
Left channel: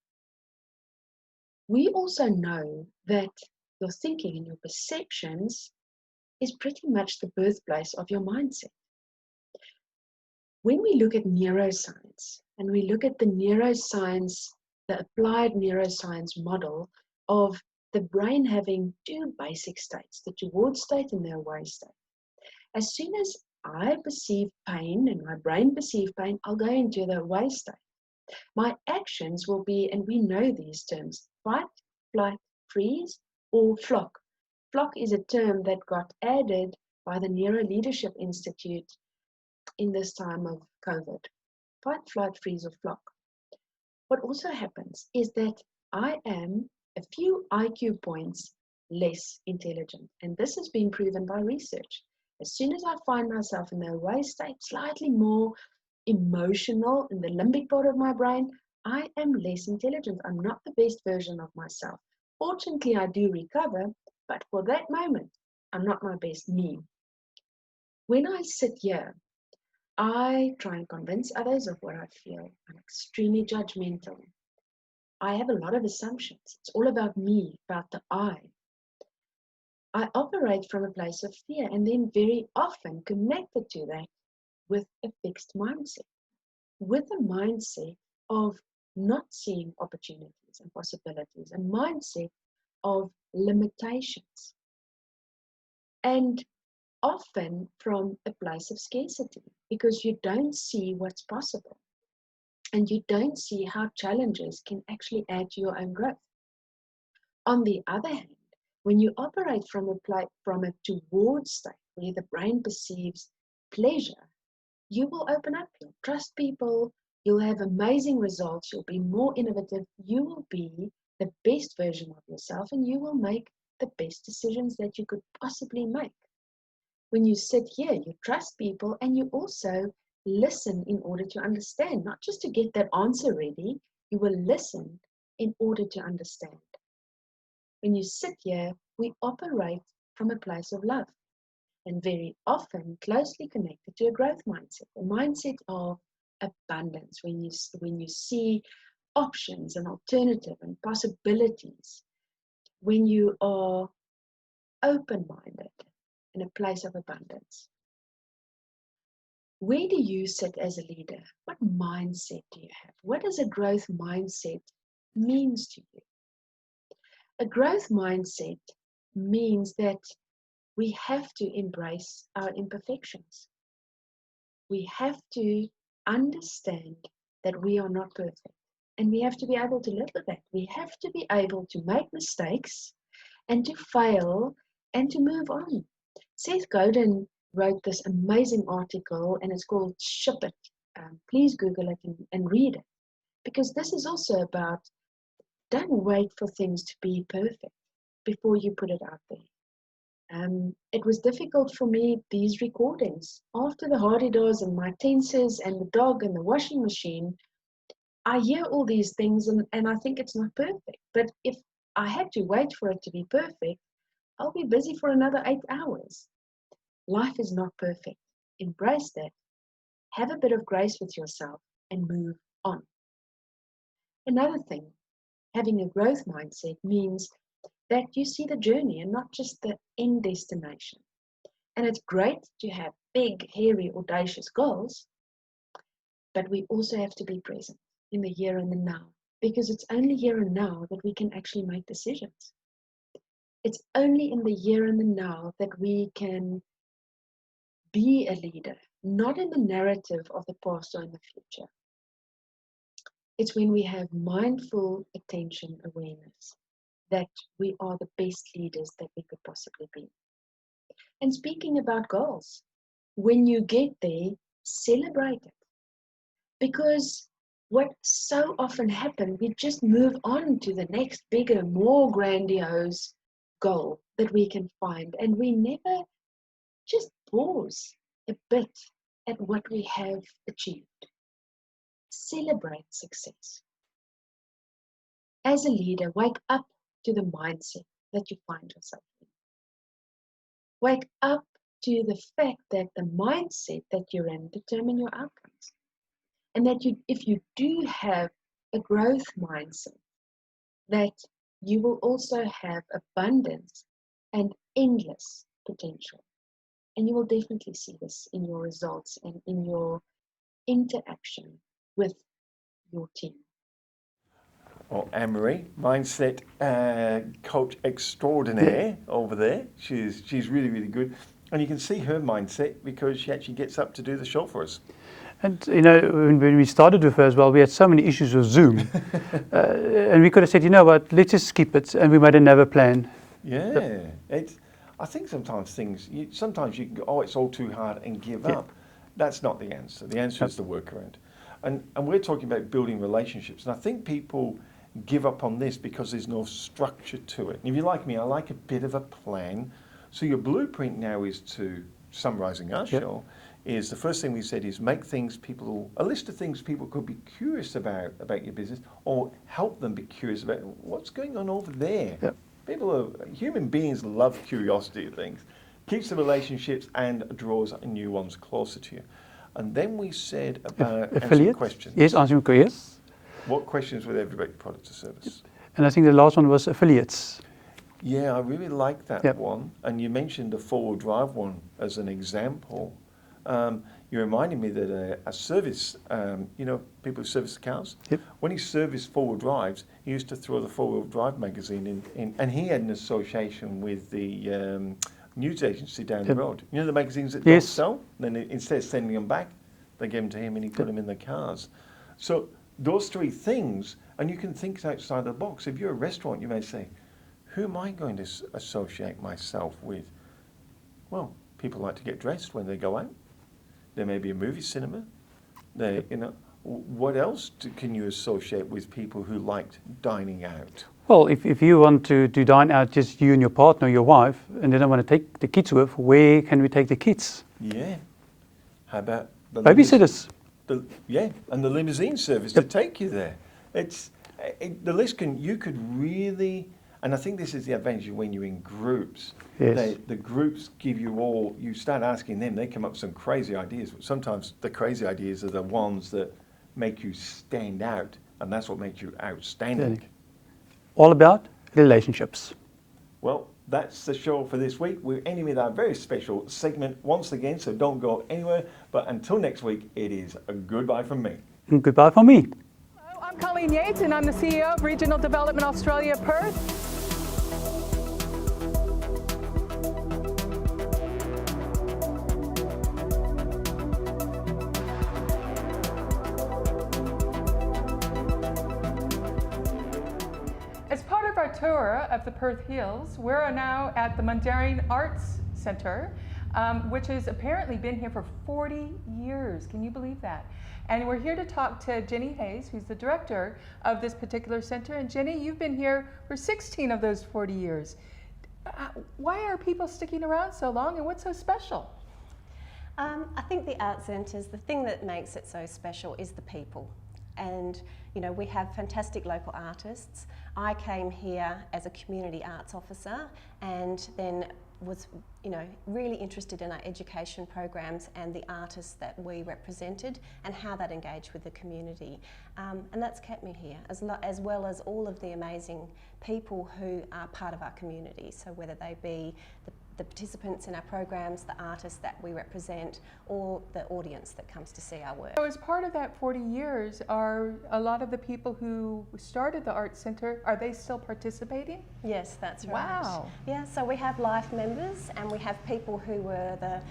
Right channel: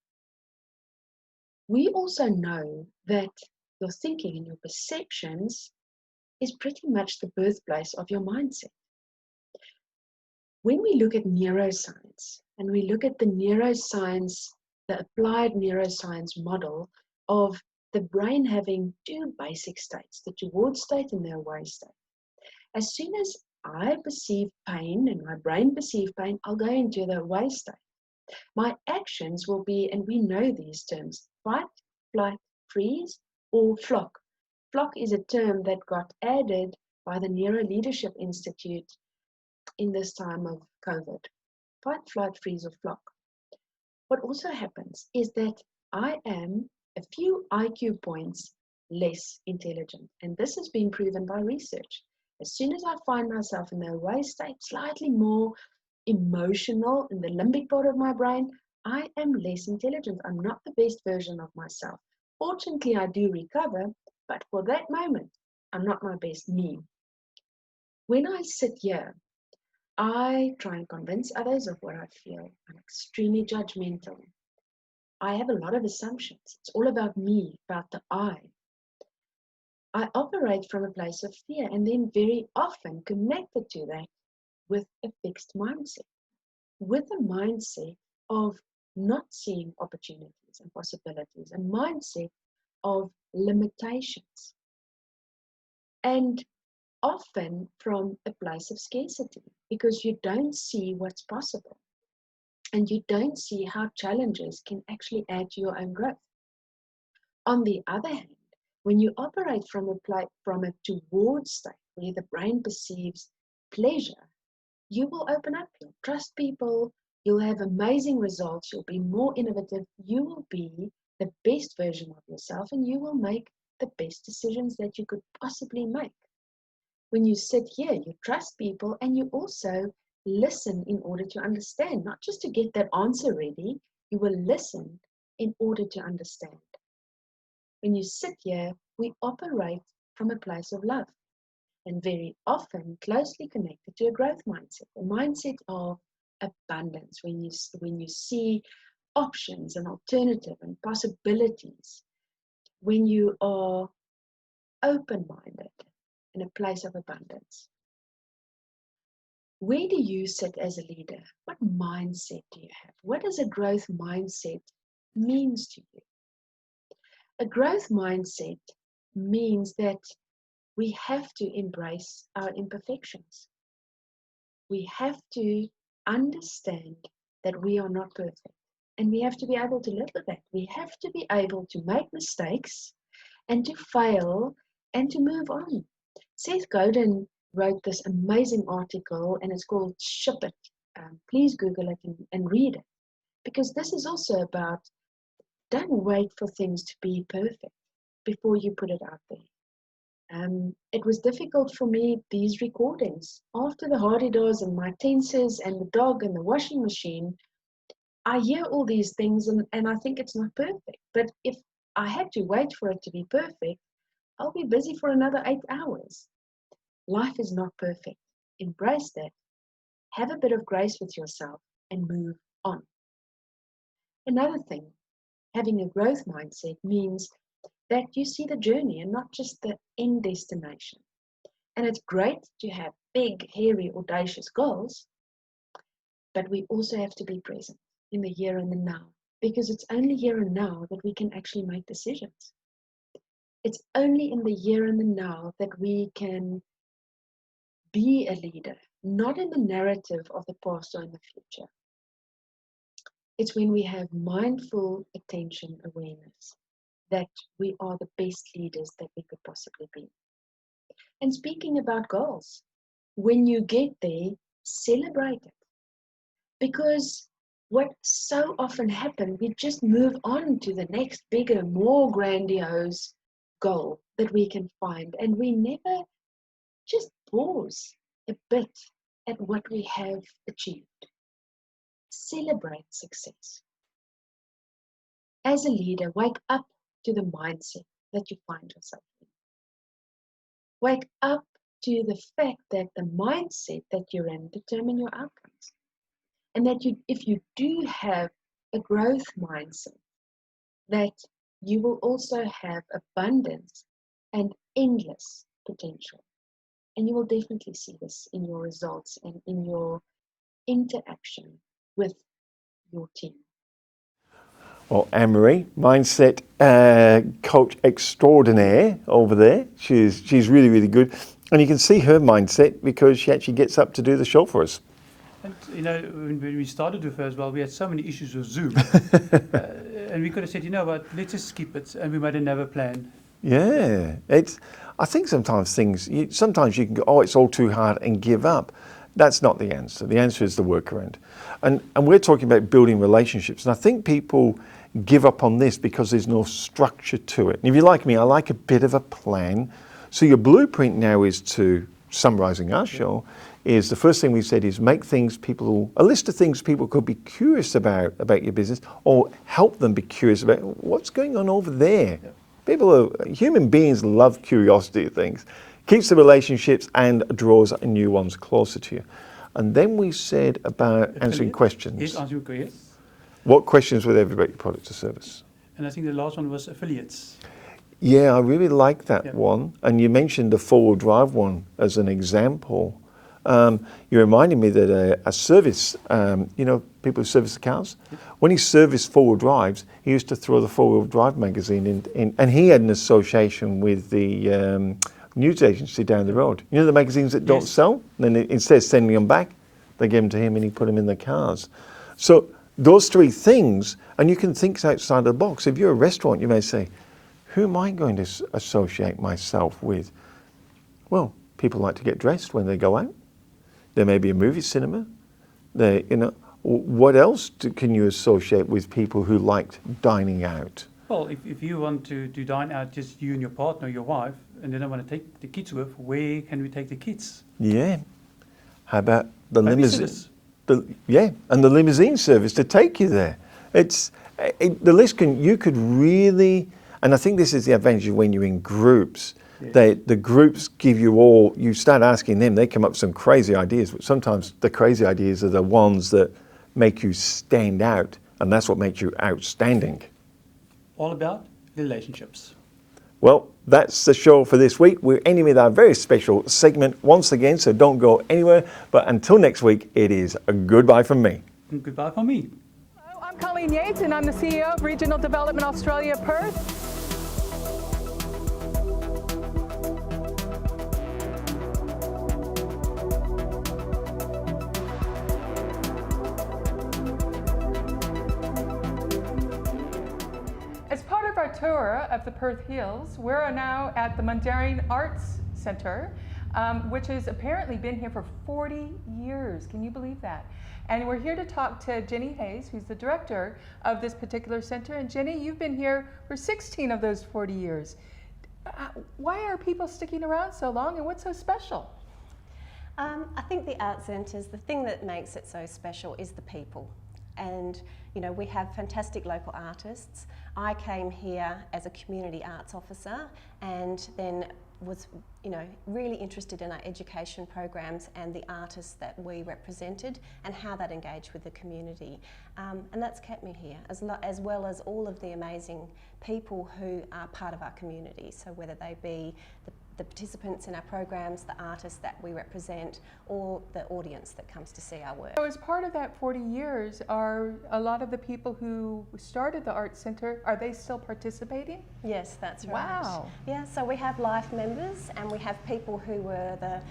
We also know that your thinking and your perceptions is pretty much the birthplace of your mindset. When we look at neuroscience and we look at the neuroscience, the applied neuroscience model of the brain having two basic states, the toward state and the away state. As soon as I perceive pain and my brain perceives pain, I'll go into the away state. My actions will be, and we know these terms, fight, flight, freeze, or flock. Flock is a term that got added by the Neuro Leadership Institute in this time of COVID. Fight, flight, freeze, or flock. What also happens is that I am a few IQ points less intelligent. And this has been proven by research. As soon as I find myself in the away state, slightly more emotional in the limbic part of my brain, I am less intelligent. I'm not the best version of myself. Fortunately, I do recover, but for that moment, I'm not my best me. When I sit here, I try and convince others of what I feel. I'm extremely judgmental. I have a lot of assumptions. It's all about me, about the I. I operate from a place of fear and then very often connected to that with a fixed mindset, with a mindset of not seeing opportunities and possibilities, a mindset of limitations, and often from a place of scarcity, because you don't see what's possible and you don't see how challenges can actually add to your own growth. On the other hand, when you operate from a toward state where the brain perceives pleasure, you will open up, you'll trust people, you'll have amazing results, you'll be more innovative, you will be the best version of yourself, and you will make the best decisions that you could possibly make. When you sit here, you trust people and you also listen in order to understand, not just to get that answer ready, you will listen in order to understand. When you sit here, we operate from a place of love and very often closely connected to a growth mindset, a mindset of abundance. When you see options and alternative and possibilities, when you are open-minded in a place of abundance. Where do you sit as a leader? What mindset do you have? What does a growth mindset means to you? A growth mindset means that we have to embrace our imperfections. We have to understand that we are not perfect, and we have to be able to live with that. We have to be able to make mistakes and to fail and to move on. Seth Godin wrote this amazing article, and it's called Ship It. Please Google it and read it, because this is also about, don't wait for things to be perfect before you put it out there. It was difficult for me, these recordings. After the hardy-does and my tenses and the dog and the washing machine, I hear all these things and I think it's not perfect. But if I had to wait for it to be perfect, I'll be busy for another 8 hours. Life is not perfect. Embrace that. Have a bit of grace with yourself and move on. Another thing, having a growth mindset means that you see the journey and not just the end destination. And it's great to have big, hairy, audacious goals, but we also have to be present in the here and the now, because it's only here and now that we can actually make decisions. It's only in the here and the now that we can be a leader, not in the narrative of the past or in the future. It's when we have mindful attention awareness that we are the best leaders that we could possibly be. And speaking about goals, when you get there, celebrate it. Because what so often happens, we just move on to the next bigger, more grandiose goal that we can find. And we never just pause a bit at what we have achieved. Celebrate success. As a leader, wake up to the mindset that you find yourself in. Wake up to the fact that the mindset that you're in determine your outcomes. And that if you do have a growth mindset, that you will also have abundance and endless potential. And you will definitely see this in your results and in your interaction with your team. Well, Annemarie, mindset coach extraordinaire over there. She's really, really good. And you can see her mindset because she actually gets up to do the show for us. And you know, when we started with her as well, we had so many issues with Zoom, and we could have said, you know what, let's just skip it, and we made another plan. Yeah, I think sometimes sometimes you can go, oh, it's all too hard and give up. That's not the answer. The answer is the workaround. And we're talking about building relationships. And I think people give up on this because there's no structure to it. And if you're like me, I like a bit of a plan. So your blueprint now is to, summarising our show, is the first thing we said is make a list of things people could be curious about your business, or help them be curious about what's going on over there. Human beings love curiosity of things. Keeps the relationships and draws new ones closer to you. And then we said about answering questions. Yes, answering questions. What questions with everybody product or service? And I think the last one was affiliates. Yeah, I really like that one. And you mentioned the four-wheel drive one as an example. You reminded me that a service, people who service the cars, when he serviced four-wheel drives, he used to throw the four-wheel drive magazine in, and he had an association with the news agency down the road. You know the magazines that don't sell? Then instead of sending them back, they gave them to him and he put them in the cars. So those three things, and you can think outside the box. If you're a restaurant, you may say, who am I going to associate myself with? Well, people like to get dressed when they go out. There may be a movie cinema. What else can you associate with people who liked dining out? Well, if you want to dine out, just you and your partner, your wife, and they don't want to take the kids with, where can we take the kids? Yeah. How about the babysitters? And the limousine service to take you there. The list you could really, and I think this is the advantage of when you're in groups. Yes. The groups give you start asking them, they come up with some crazy ideas, but sometimes the crazy ideas are the ones that make you stand out, and that's what makes you outstanding. Okay. All about relationships. Well, that's the show for this week. We're ending with our very special segment once again, so don't go anywhere. But until next week, it is a goodbye from me. And goodbye from me. Hello, I'm Colleen Yates, and I'm the CEO of Regional Development Australia, Perth. As part of our tour of the Perth Hills, we're now at the Mundaring Arts Centre, which has apparently been here for 40 years. Can you believe that? And we're here to talk to Jenny Hayes, who's the director of this particular centre. And Jenny, you've been here for 16 of those 40 years. Why are people sticking around so long, and what's so special? I think the art centres, the thing that makes it so special is the people. And we have fantastic local artists. I came here as a community arts officer and then was really interested in our education programs and the artists that we represented and how that engaged with the community. And that's kept me here, as well as all of the amazing people who are part of our community. So whether they be the participants in our programs, the artists that we represent, or the audience that comes to see our work. So as part of that 40 years, are a lot of the people who started the Arts Centre, are they still participating? Yes, that's right. Wow. Yeah, so we have life members and we have people who were the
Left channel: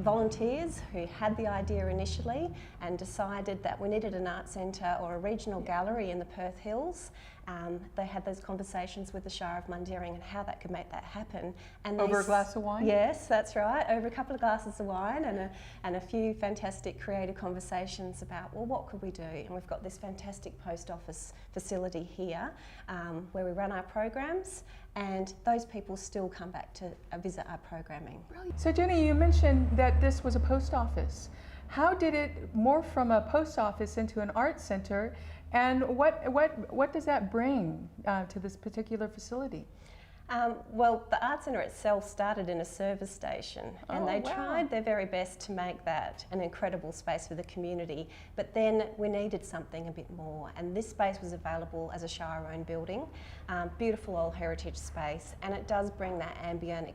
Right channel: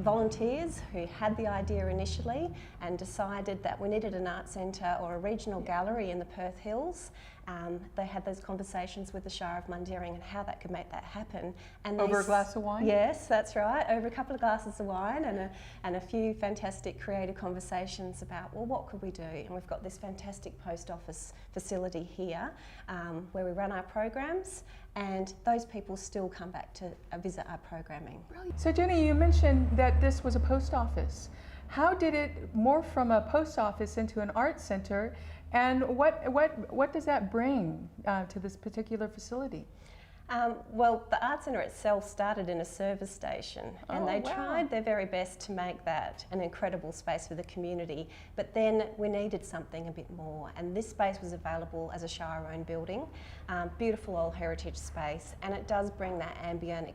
volunteers who had the idea initially and decided that we needed an art centre or a regional gallery in the Perth Hills. They had those conversations with the Shire of Mundaring and how that could make that happen. And over a glass of wine? Yes, that's right. Over a couple of glasses of wine and a few fantastic creative conversations about, well, what could we do? And we've got this fantastic post office facility here where we run our programs, and those people still come back to visit our programming. Brilliant. So Jenny, you mentioned that this was a post office. How did it morph from a post office into an art centre? And what does that bring to this particular facility? Well, the Art Centre itself started in a service station, and they tried their very best to make that an incredible space for the community, but then we needed something a bit more, and this space was available as a Shire-owned building, beautiful old heritage space, and it does bring that ambient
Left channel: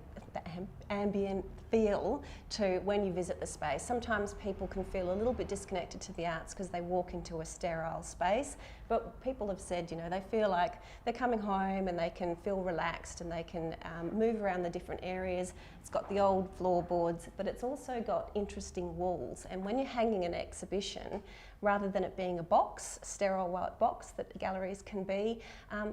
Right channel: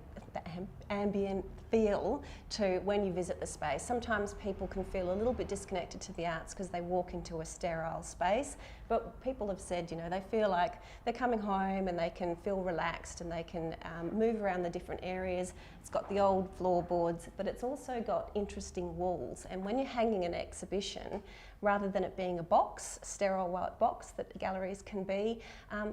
ambient feel to when you visit the space. Sometimes people can feel a little bit disconnected to the arts because they walk into a sterile space, but people have said, you know, they feel like they're coming home and they can feel relaxed and they can move around the different areas. It's got the old floorboards, but it's also got interesting walls. And when you're hanging an exhibition, rather than it being a box, a sterile white box that galleries can be,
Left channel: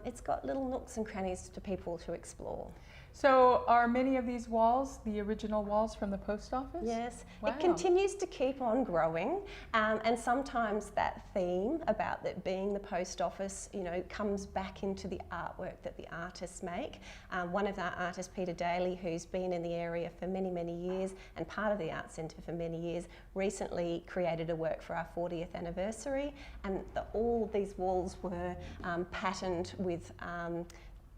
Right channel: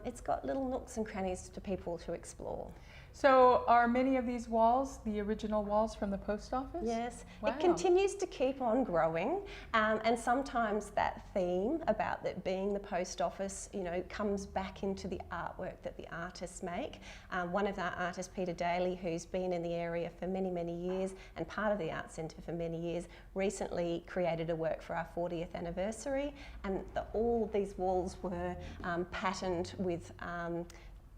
it's got little nooks and crannies for people to explore. So are many of these walls the original walls from the post office? Yes, Wow. it continues to keep on growing, and sometimes that theme about it being the post office, you know, comes back into the artwork that the artists make. One of our artists, Peter Daly, who's been in the area for many, many years and part of the Art Centre for many years, recently created a work for our 40th anniversary, and all of these walls were patterned with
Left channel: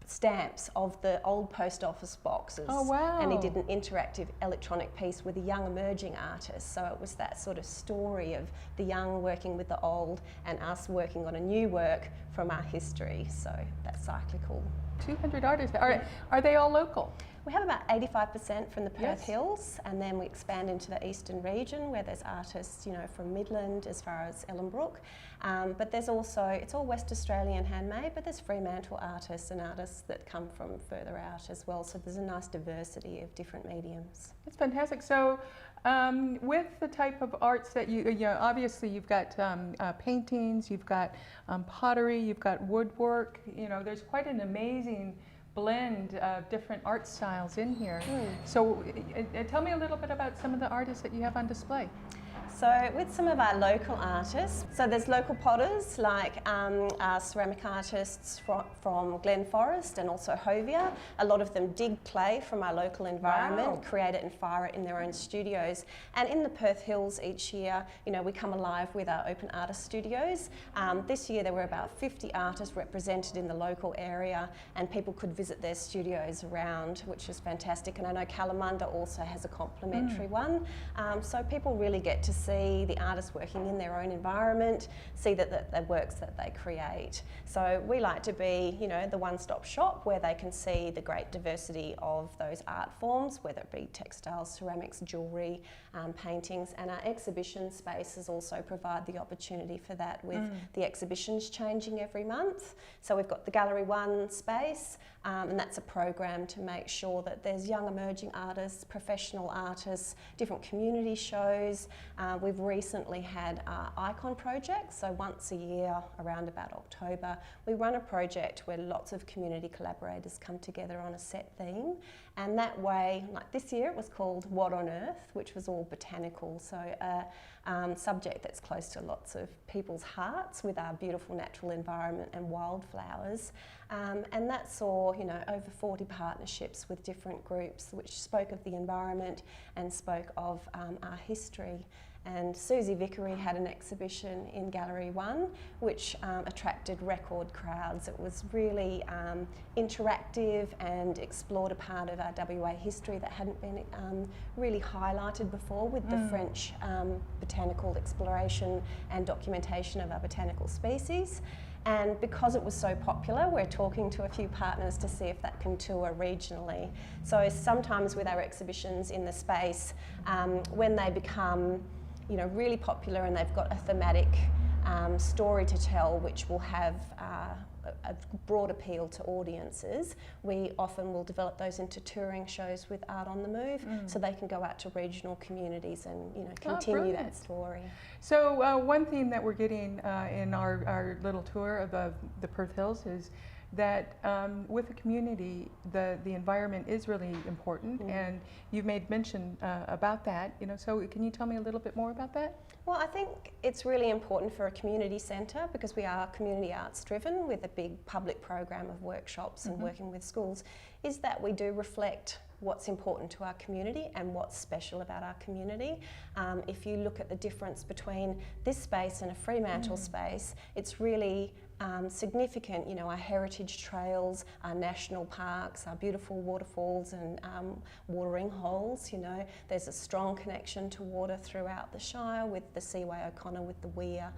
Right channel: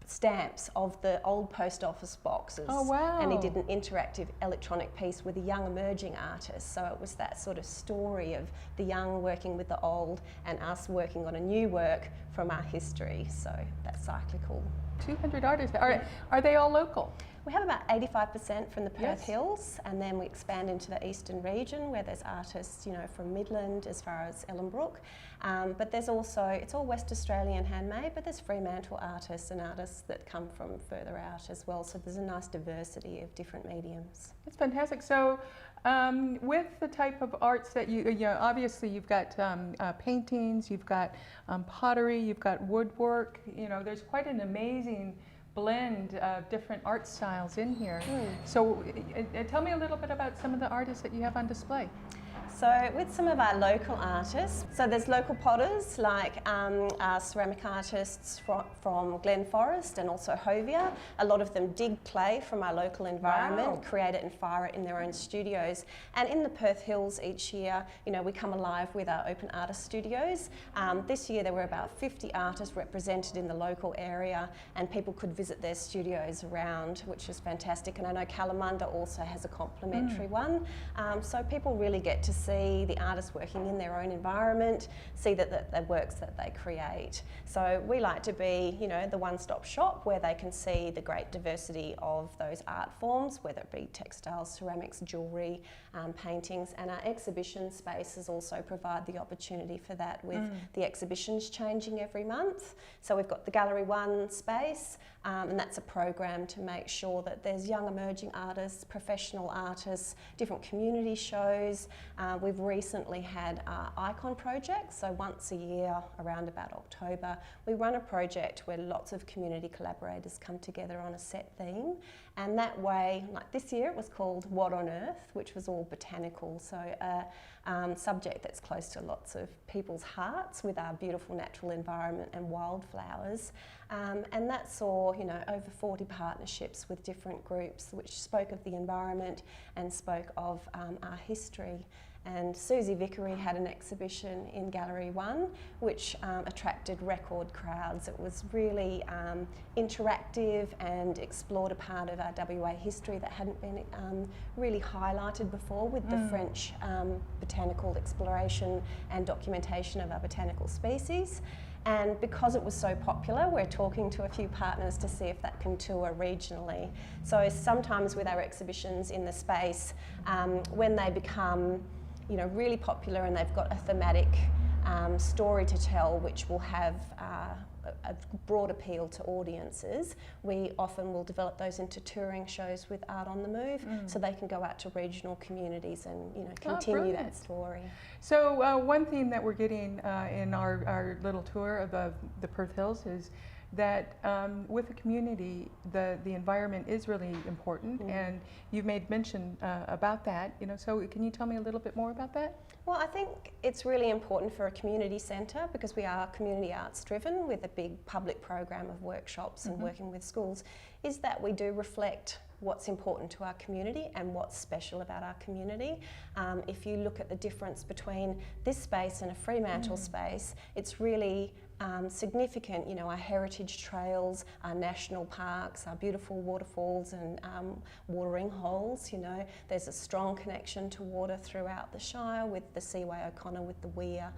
stamps of the old post office boxes. Oh, wow. And he did an interactive electronic piece with a young emerging artist. So it was that sort of story of the young working with the old and us working on a new work from our history. So that's cyclical. 200 artists. Are they all local? We have about 85% from the Perth Yes. Hills, and then we expand into the eastern region where there's artists, you know, from Midland as far as Ellenbrook. But there's also, it's all West Australian handmade, but there's Fremantle artists and artists that come from further out as well. So there's a nice diversity of different mediums. That's fantastic. So with the type of arts that you know, obviously you've got paintings, you've got pottery, you've got woodwork, you know, there's quite an amazing blend of different art styles in here. So tell me a little bit about some of the artists that you have on display. So with some of our local artists, so there's local potters like our ceramic artists from Glen Forest and also Helia. A lot of them dig clay from our local environment, Wow. create it and fire it in their own studios. And in the Perth Hills each year, you know, we come alive with our open artist studios. This year there were about 50 artists represented in the local area, and people could visit their studios around, which is fantastic. And I know Kalamunda also has a complimentary one. So people really get to see the artists working in their own environment, see that the works that they create. So we like to be, you know, the one-stop shop where they can see the great diversity of those art forms, whether it be textiles, ceramics, jewellery, paintings, and our exhibition spaces also provide the opportunity for that with the exhibitions changing every month. So we've got the Gallery 1 space, and that's a program to make sure that there's young emerging artists, professional artists, different community shows. We've recently had our Icon project, so once a year around about October, we run a project where lots of community collaborators come together on a set theme, and that way, like this year it was called What on Earth, which was all botanical, so a subject that's close to lots of people's hearts with our beautiful natural environment and wildflowers. And that saw, you know, over 40 partnerships with different groups which spoke of the environment and spoke of our history. And Susie Vickery had an exhibition in Gallery 1 which attracted record crowds. It was really interactive and explored a part of our WA history that hadn't been really highlighted before with the French botanical exploration and documentation of our botanical species. And because it was so popular, we're talking to a few partners to see if that can tour regionally. So sometimes with our exhibitions in the space, when they become, you know, really popular and they've got a thematic story to tell which will have a broad appeal to audiences, we often will develop those into touring shows with Art on the Move, so they can go out to regional communities and, you know, continue that story. So one theme that we're getting in our little tour of the Perth Hills is that with the community, the environment is really important, and you've made mention about that. You know, so can you tell me a little bit more about that? Well, I think it's really important for a community centre because we are community arts driven with a big public program of workshops and working with schools, is that we do reflect what's important to our community and what's special about our community. If you look at the difference between this space and a Fremantle space, it's really significant, you know, our heritage trails, our national parks, our beautiful waterfalls and watering holes, you know. There's a strong connection to water throughout the Shire with the Seaway O'Connor, with the weir.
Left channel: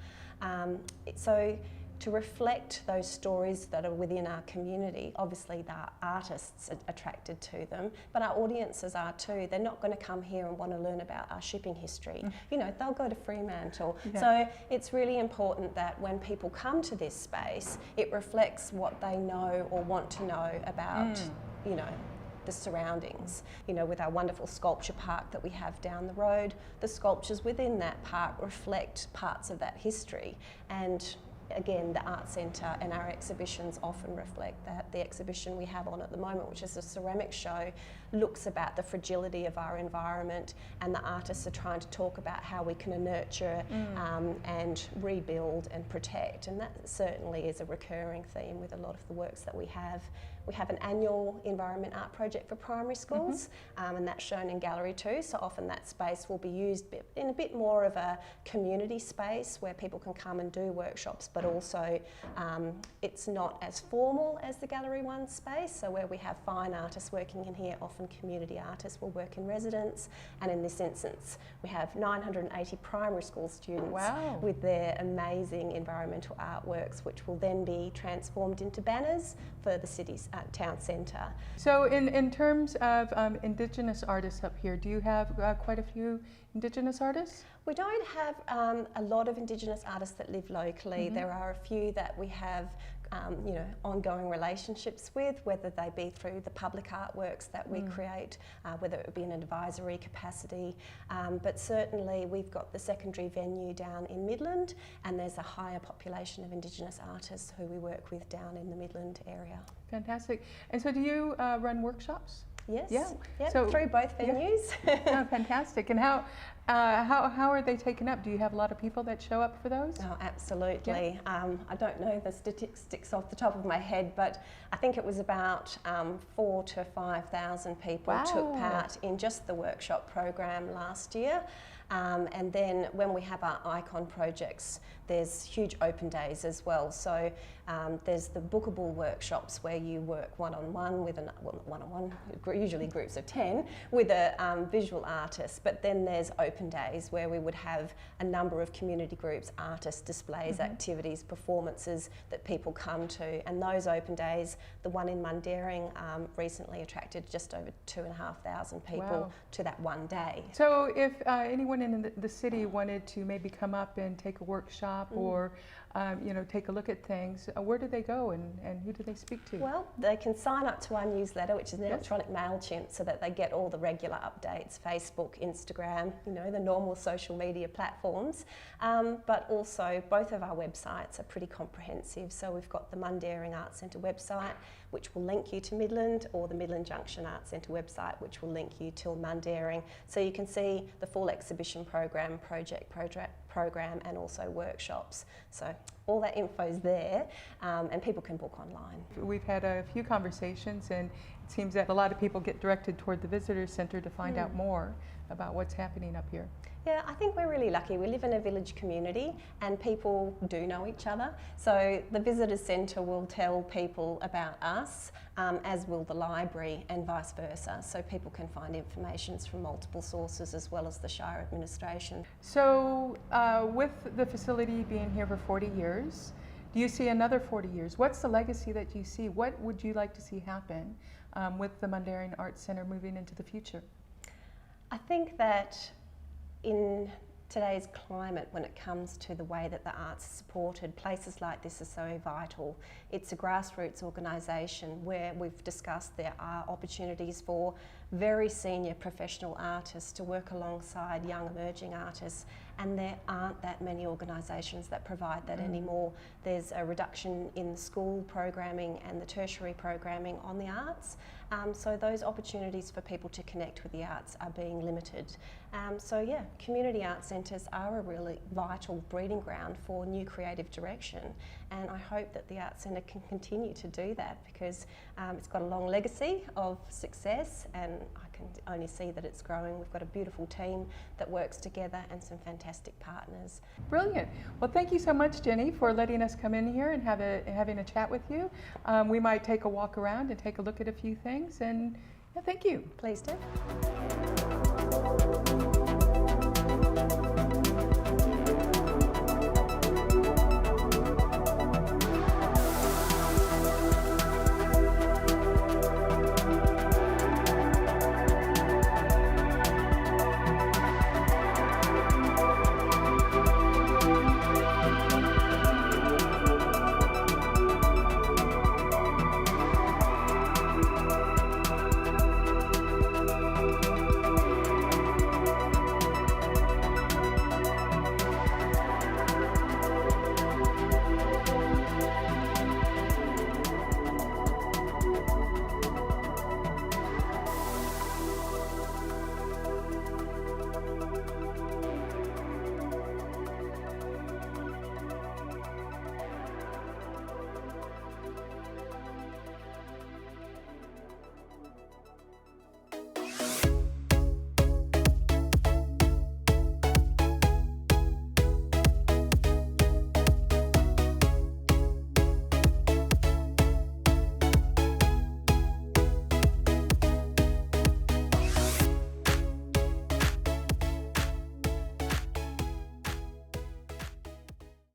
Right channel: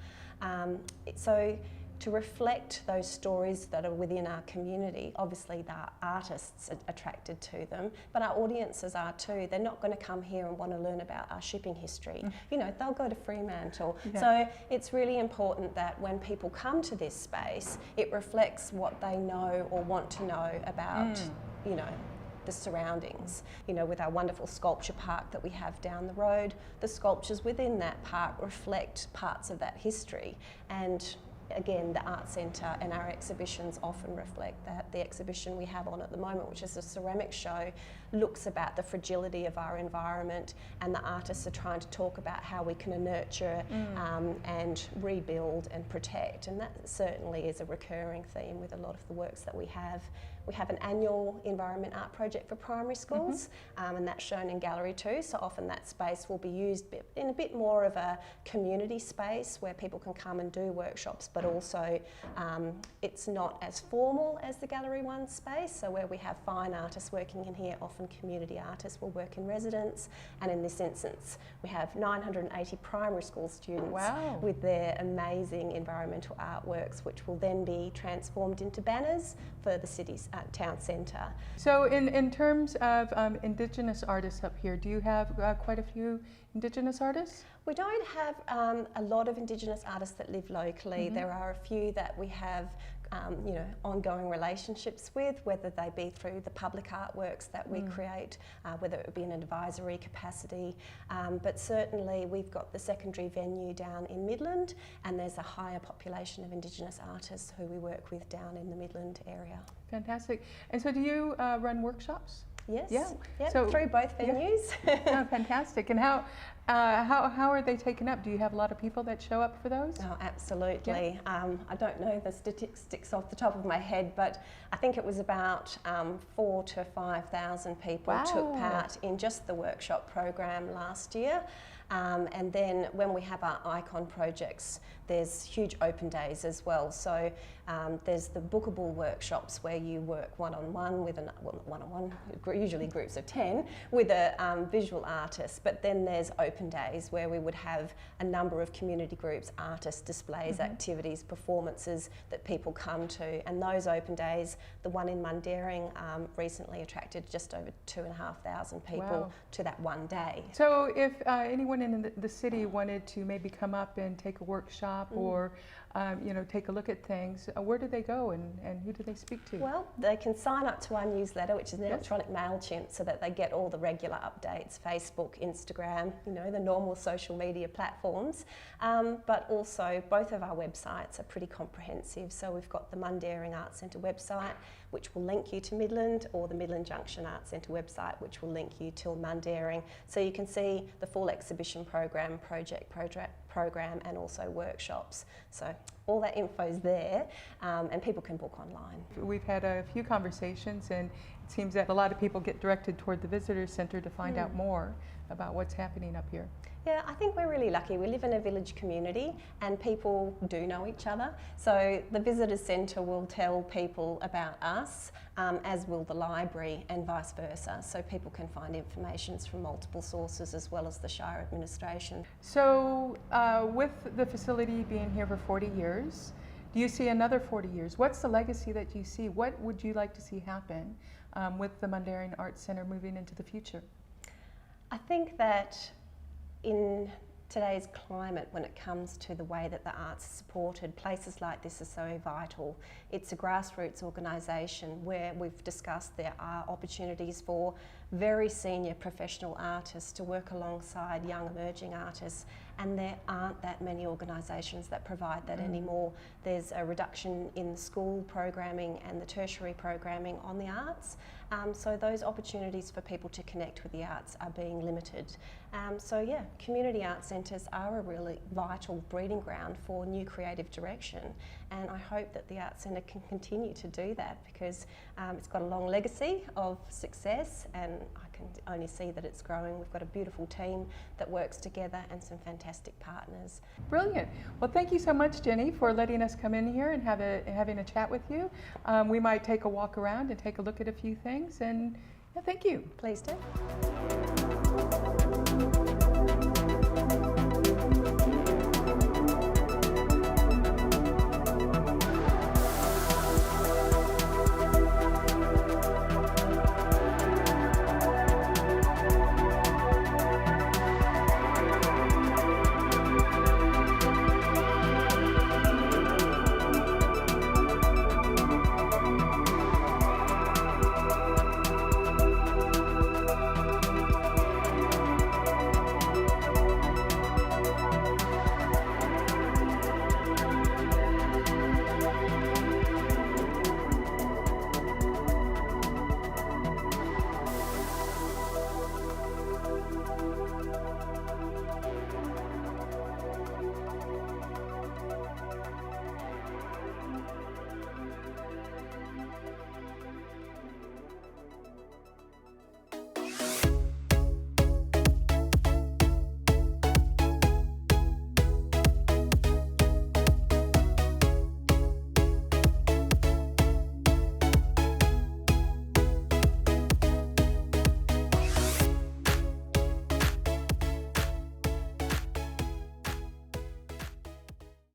So to reflect those stories that are within our community. Obviously, the artists are attracted to them, but our audiences are too. They're not going to come here and want to learn about our shipping history. You know, they'll go to Fremantle. Yeah. So it's really important that when people come to this space, it reflects what they know or want to know about, you know, the surroundings. You know, with our wonderful sculpture park that we have down the road, the sculptures within that park reflect parts of that history. And again, the Art Centre and our exhibitions often reflect that. The exhibition we have on at the moment, which is a ceramic show, looks about the fragility of our environment, and the artists are trying to talk about how we can nurture and rebuild and protect. And that certainly is a recurring theme with a lot of the works that we have. We have an annual environment art project for primary schools, and that's shown in Gallery 2. So often that space will be used in a bit more of a community space where people can come and do workshops, but also it's not as formal as the Gallery 1 space. So where we have fine artists working in here, often community artists will work in residence. And in this instance, we have 980 primary school students with their amazing environmental artworks, which will then be transformed into banners for the city's town centre. So in terms of Indigenous artists up here, do you have quite a few Indigenous artists? We don't have a lot of Indigenous artists that live locally. There are a few that we have you know, ongoing relationships with, whether they be through the public artworks that we create, whether it would be in an advisory capacity, but certainly we've got the secondary venue down in Midland, and there's a higher population of Indigenous artists who we work with down in the Midland area. Fantastic. And so do you run workshops? Yes. Yeah. Yep, So- through both venues. Oh, fantastic. And how are they taken up? Do you have a lot of people that show up for those? Oh, absolutely. I don't know the statistics off the top of my head, but I think it was about 4,000 to 5,000 people took part in just the workshop program last year. And then when we have our icon projects, there's huge open days as well. So there's the bookable workshops where you work one-on-one with usually groups of 10, with a visual artist. But then there's open days where we would have a number of community groups, artists, displays, activities, performances that people come to. And those open days, the one in Mundaring recently attracted just over 2,500 people to that one day. So if anyone in the city wanted to maybe come up and take a workshop or you know, take a look at things, where do they go and who do they speak to? Well, they can sign up to our newsletter, which is an electronic MailChimp, so that they get all the regular updates, Facebook, Instagram, you know, the normal social media platforms. But also both of our websites are pretty comprehensive. So we've got the Mundaring Arts Centre website, which will link you to Midland, or the Midland Junction Arts Centre website, which will link you to Mundaring. So you can see the full exhibition program, project program, and also workshops. So all that info's there, and people can book online. We've had a few conversations, and it seems that a lot of people get directed toward the visitor centre to find out more about what's happening up here. Yeah, I think we're really lucky. We live in a village community and people do know each other. So the visitor centre will tell people about us, as will the library, and vice versa. So people can find information from multiple sources as well as the Shire administration. So with the facility being here for 40 years, do you see another 40 years? What's the legacy that you see? What would you like to see happen with the Mundaring Arts Centre moving into the future? I think that in today's climate, when it comes to the way that the arts are supported, places like this are so vital. It's a grassroots organisation where we've discussed there are opportunities for very senior professional artists to work alongside young emerging artists, and there aren't that many organisations that provide that anymore. There's a reduction in the school programming and the tertiary programming on the arts, so those opportunities for people to connect with the arts are being limited. So yeah, community arts centres are a really vital breeding ground for new creative direction, and I hope that the Arts Centre can continue to do that, because it's got a long legacy of success, and I can only see that it's growing. We've got a beautiful team that works together and some fantastic partners. Brilliant. Well, thank you so much, Jenny, for letting us come in here and having a chat with you. We might take a walk around and take a look at a few things, and thank you. Please do.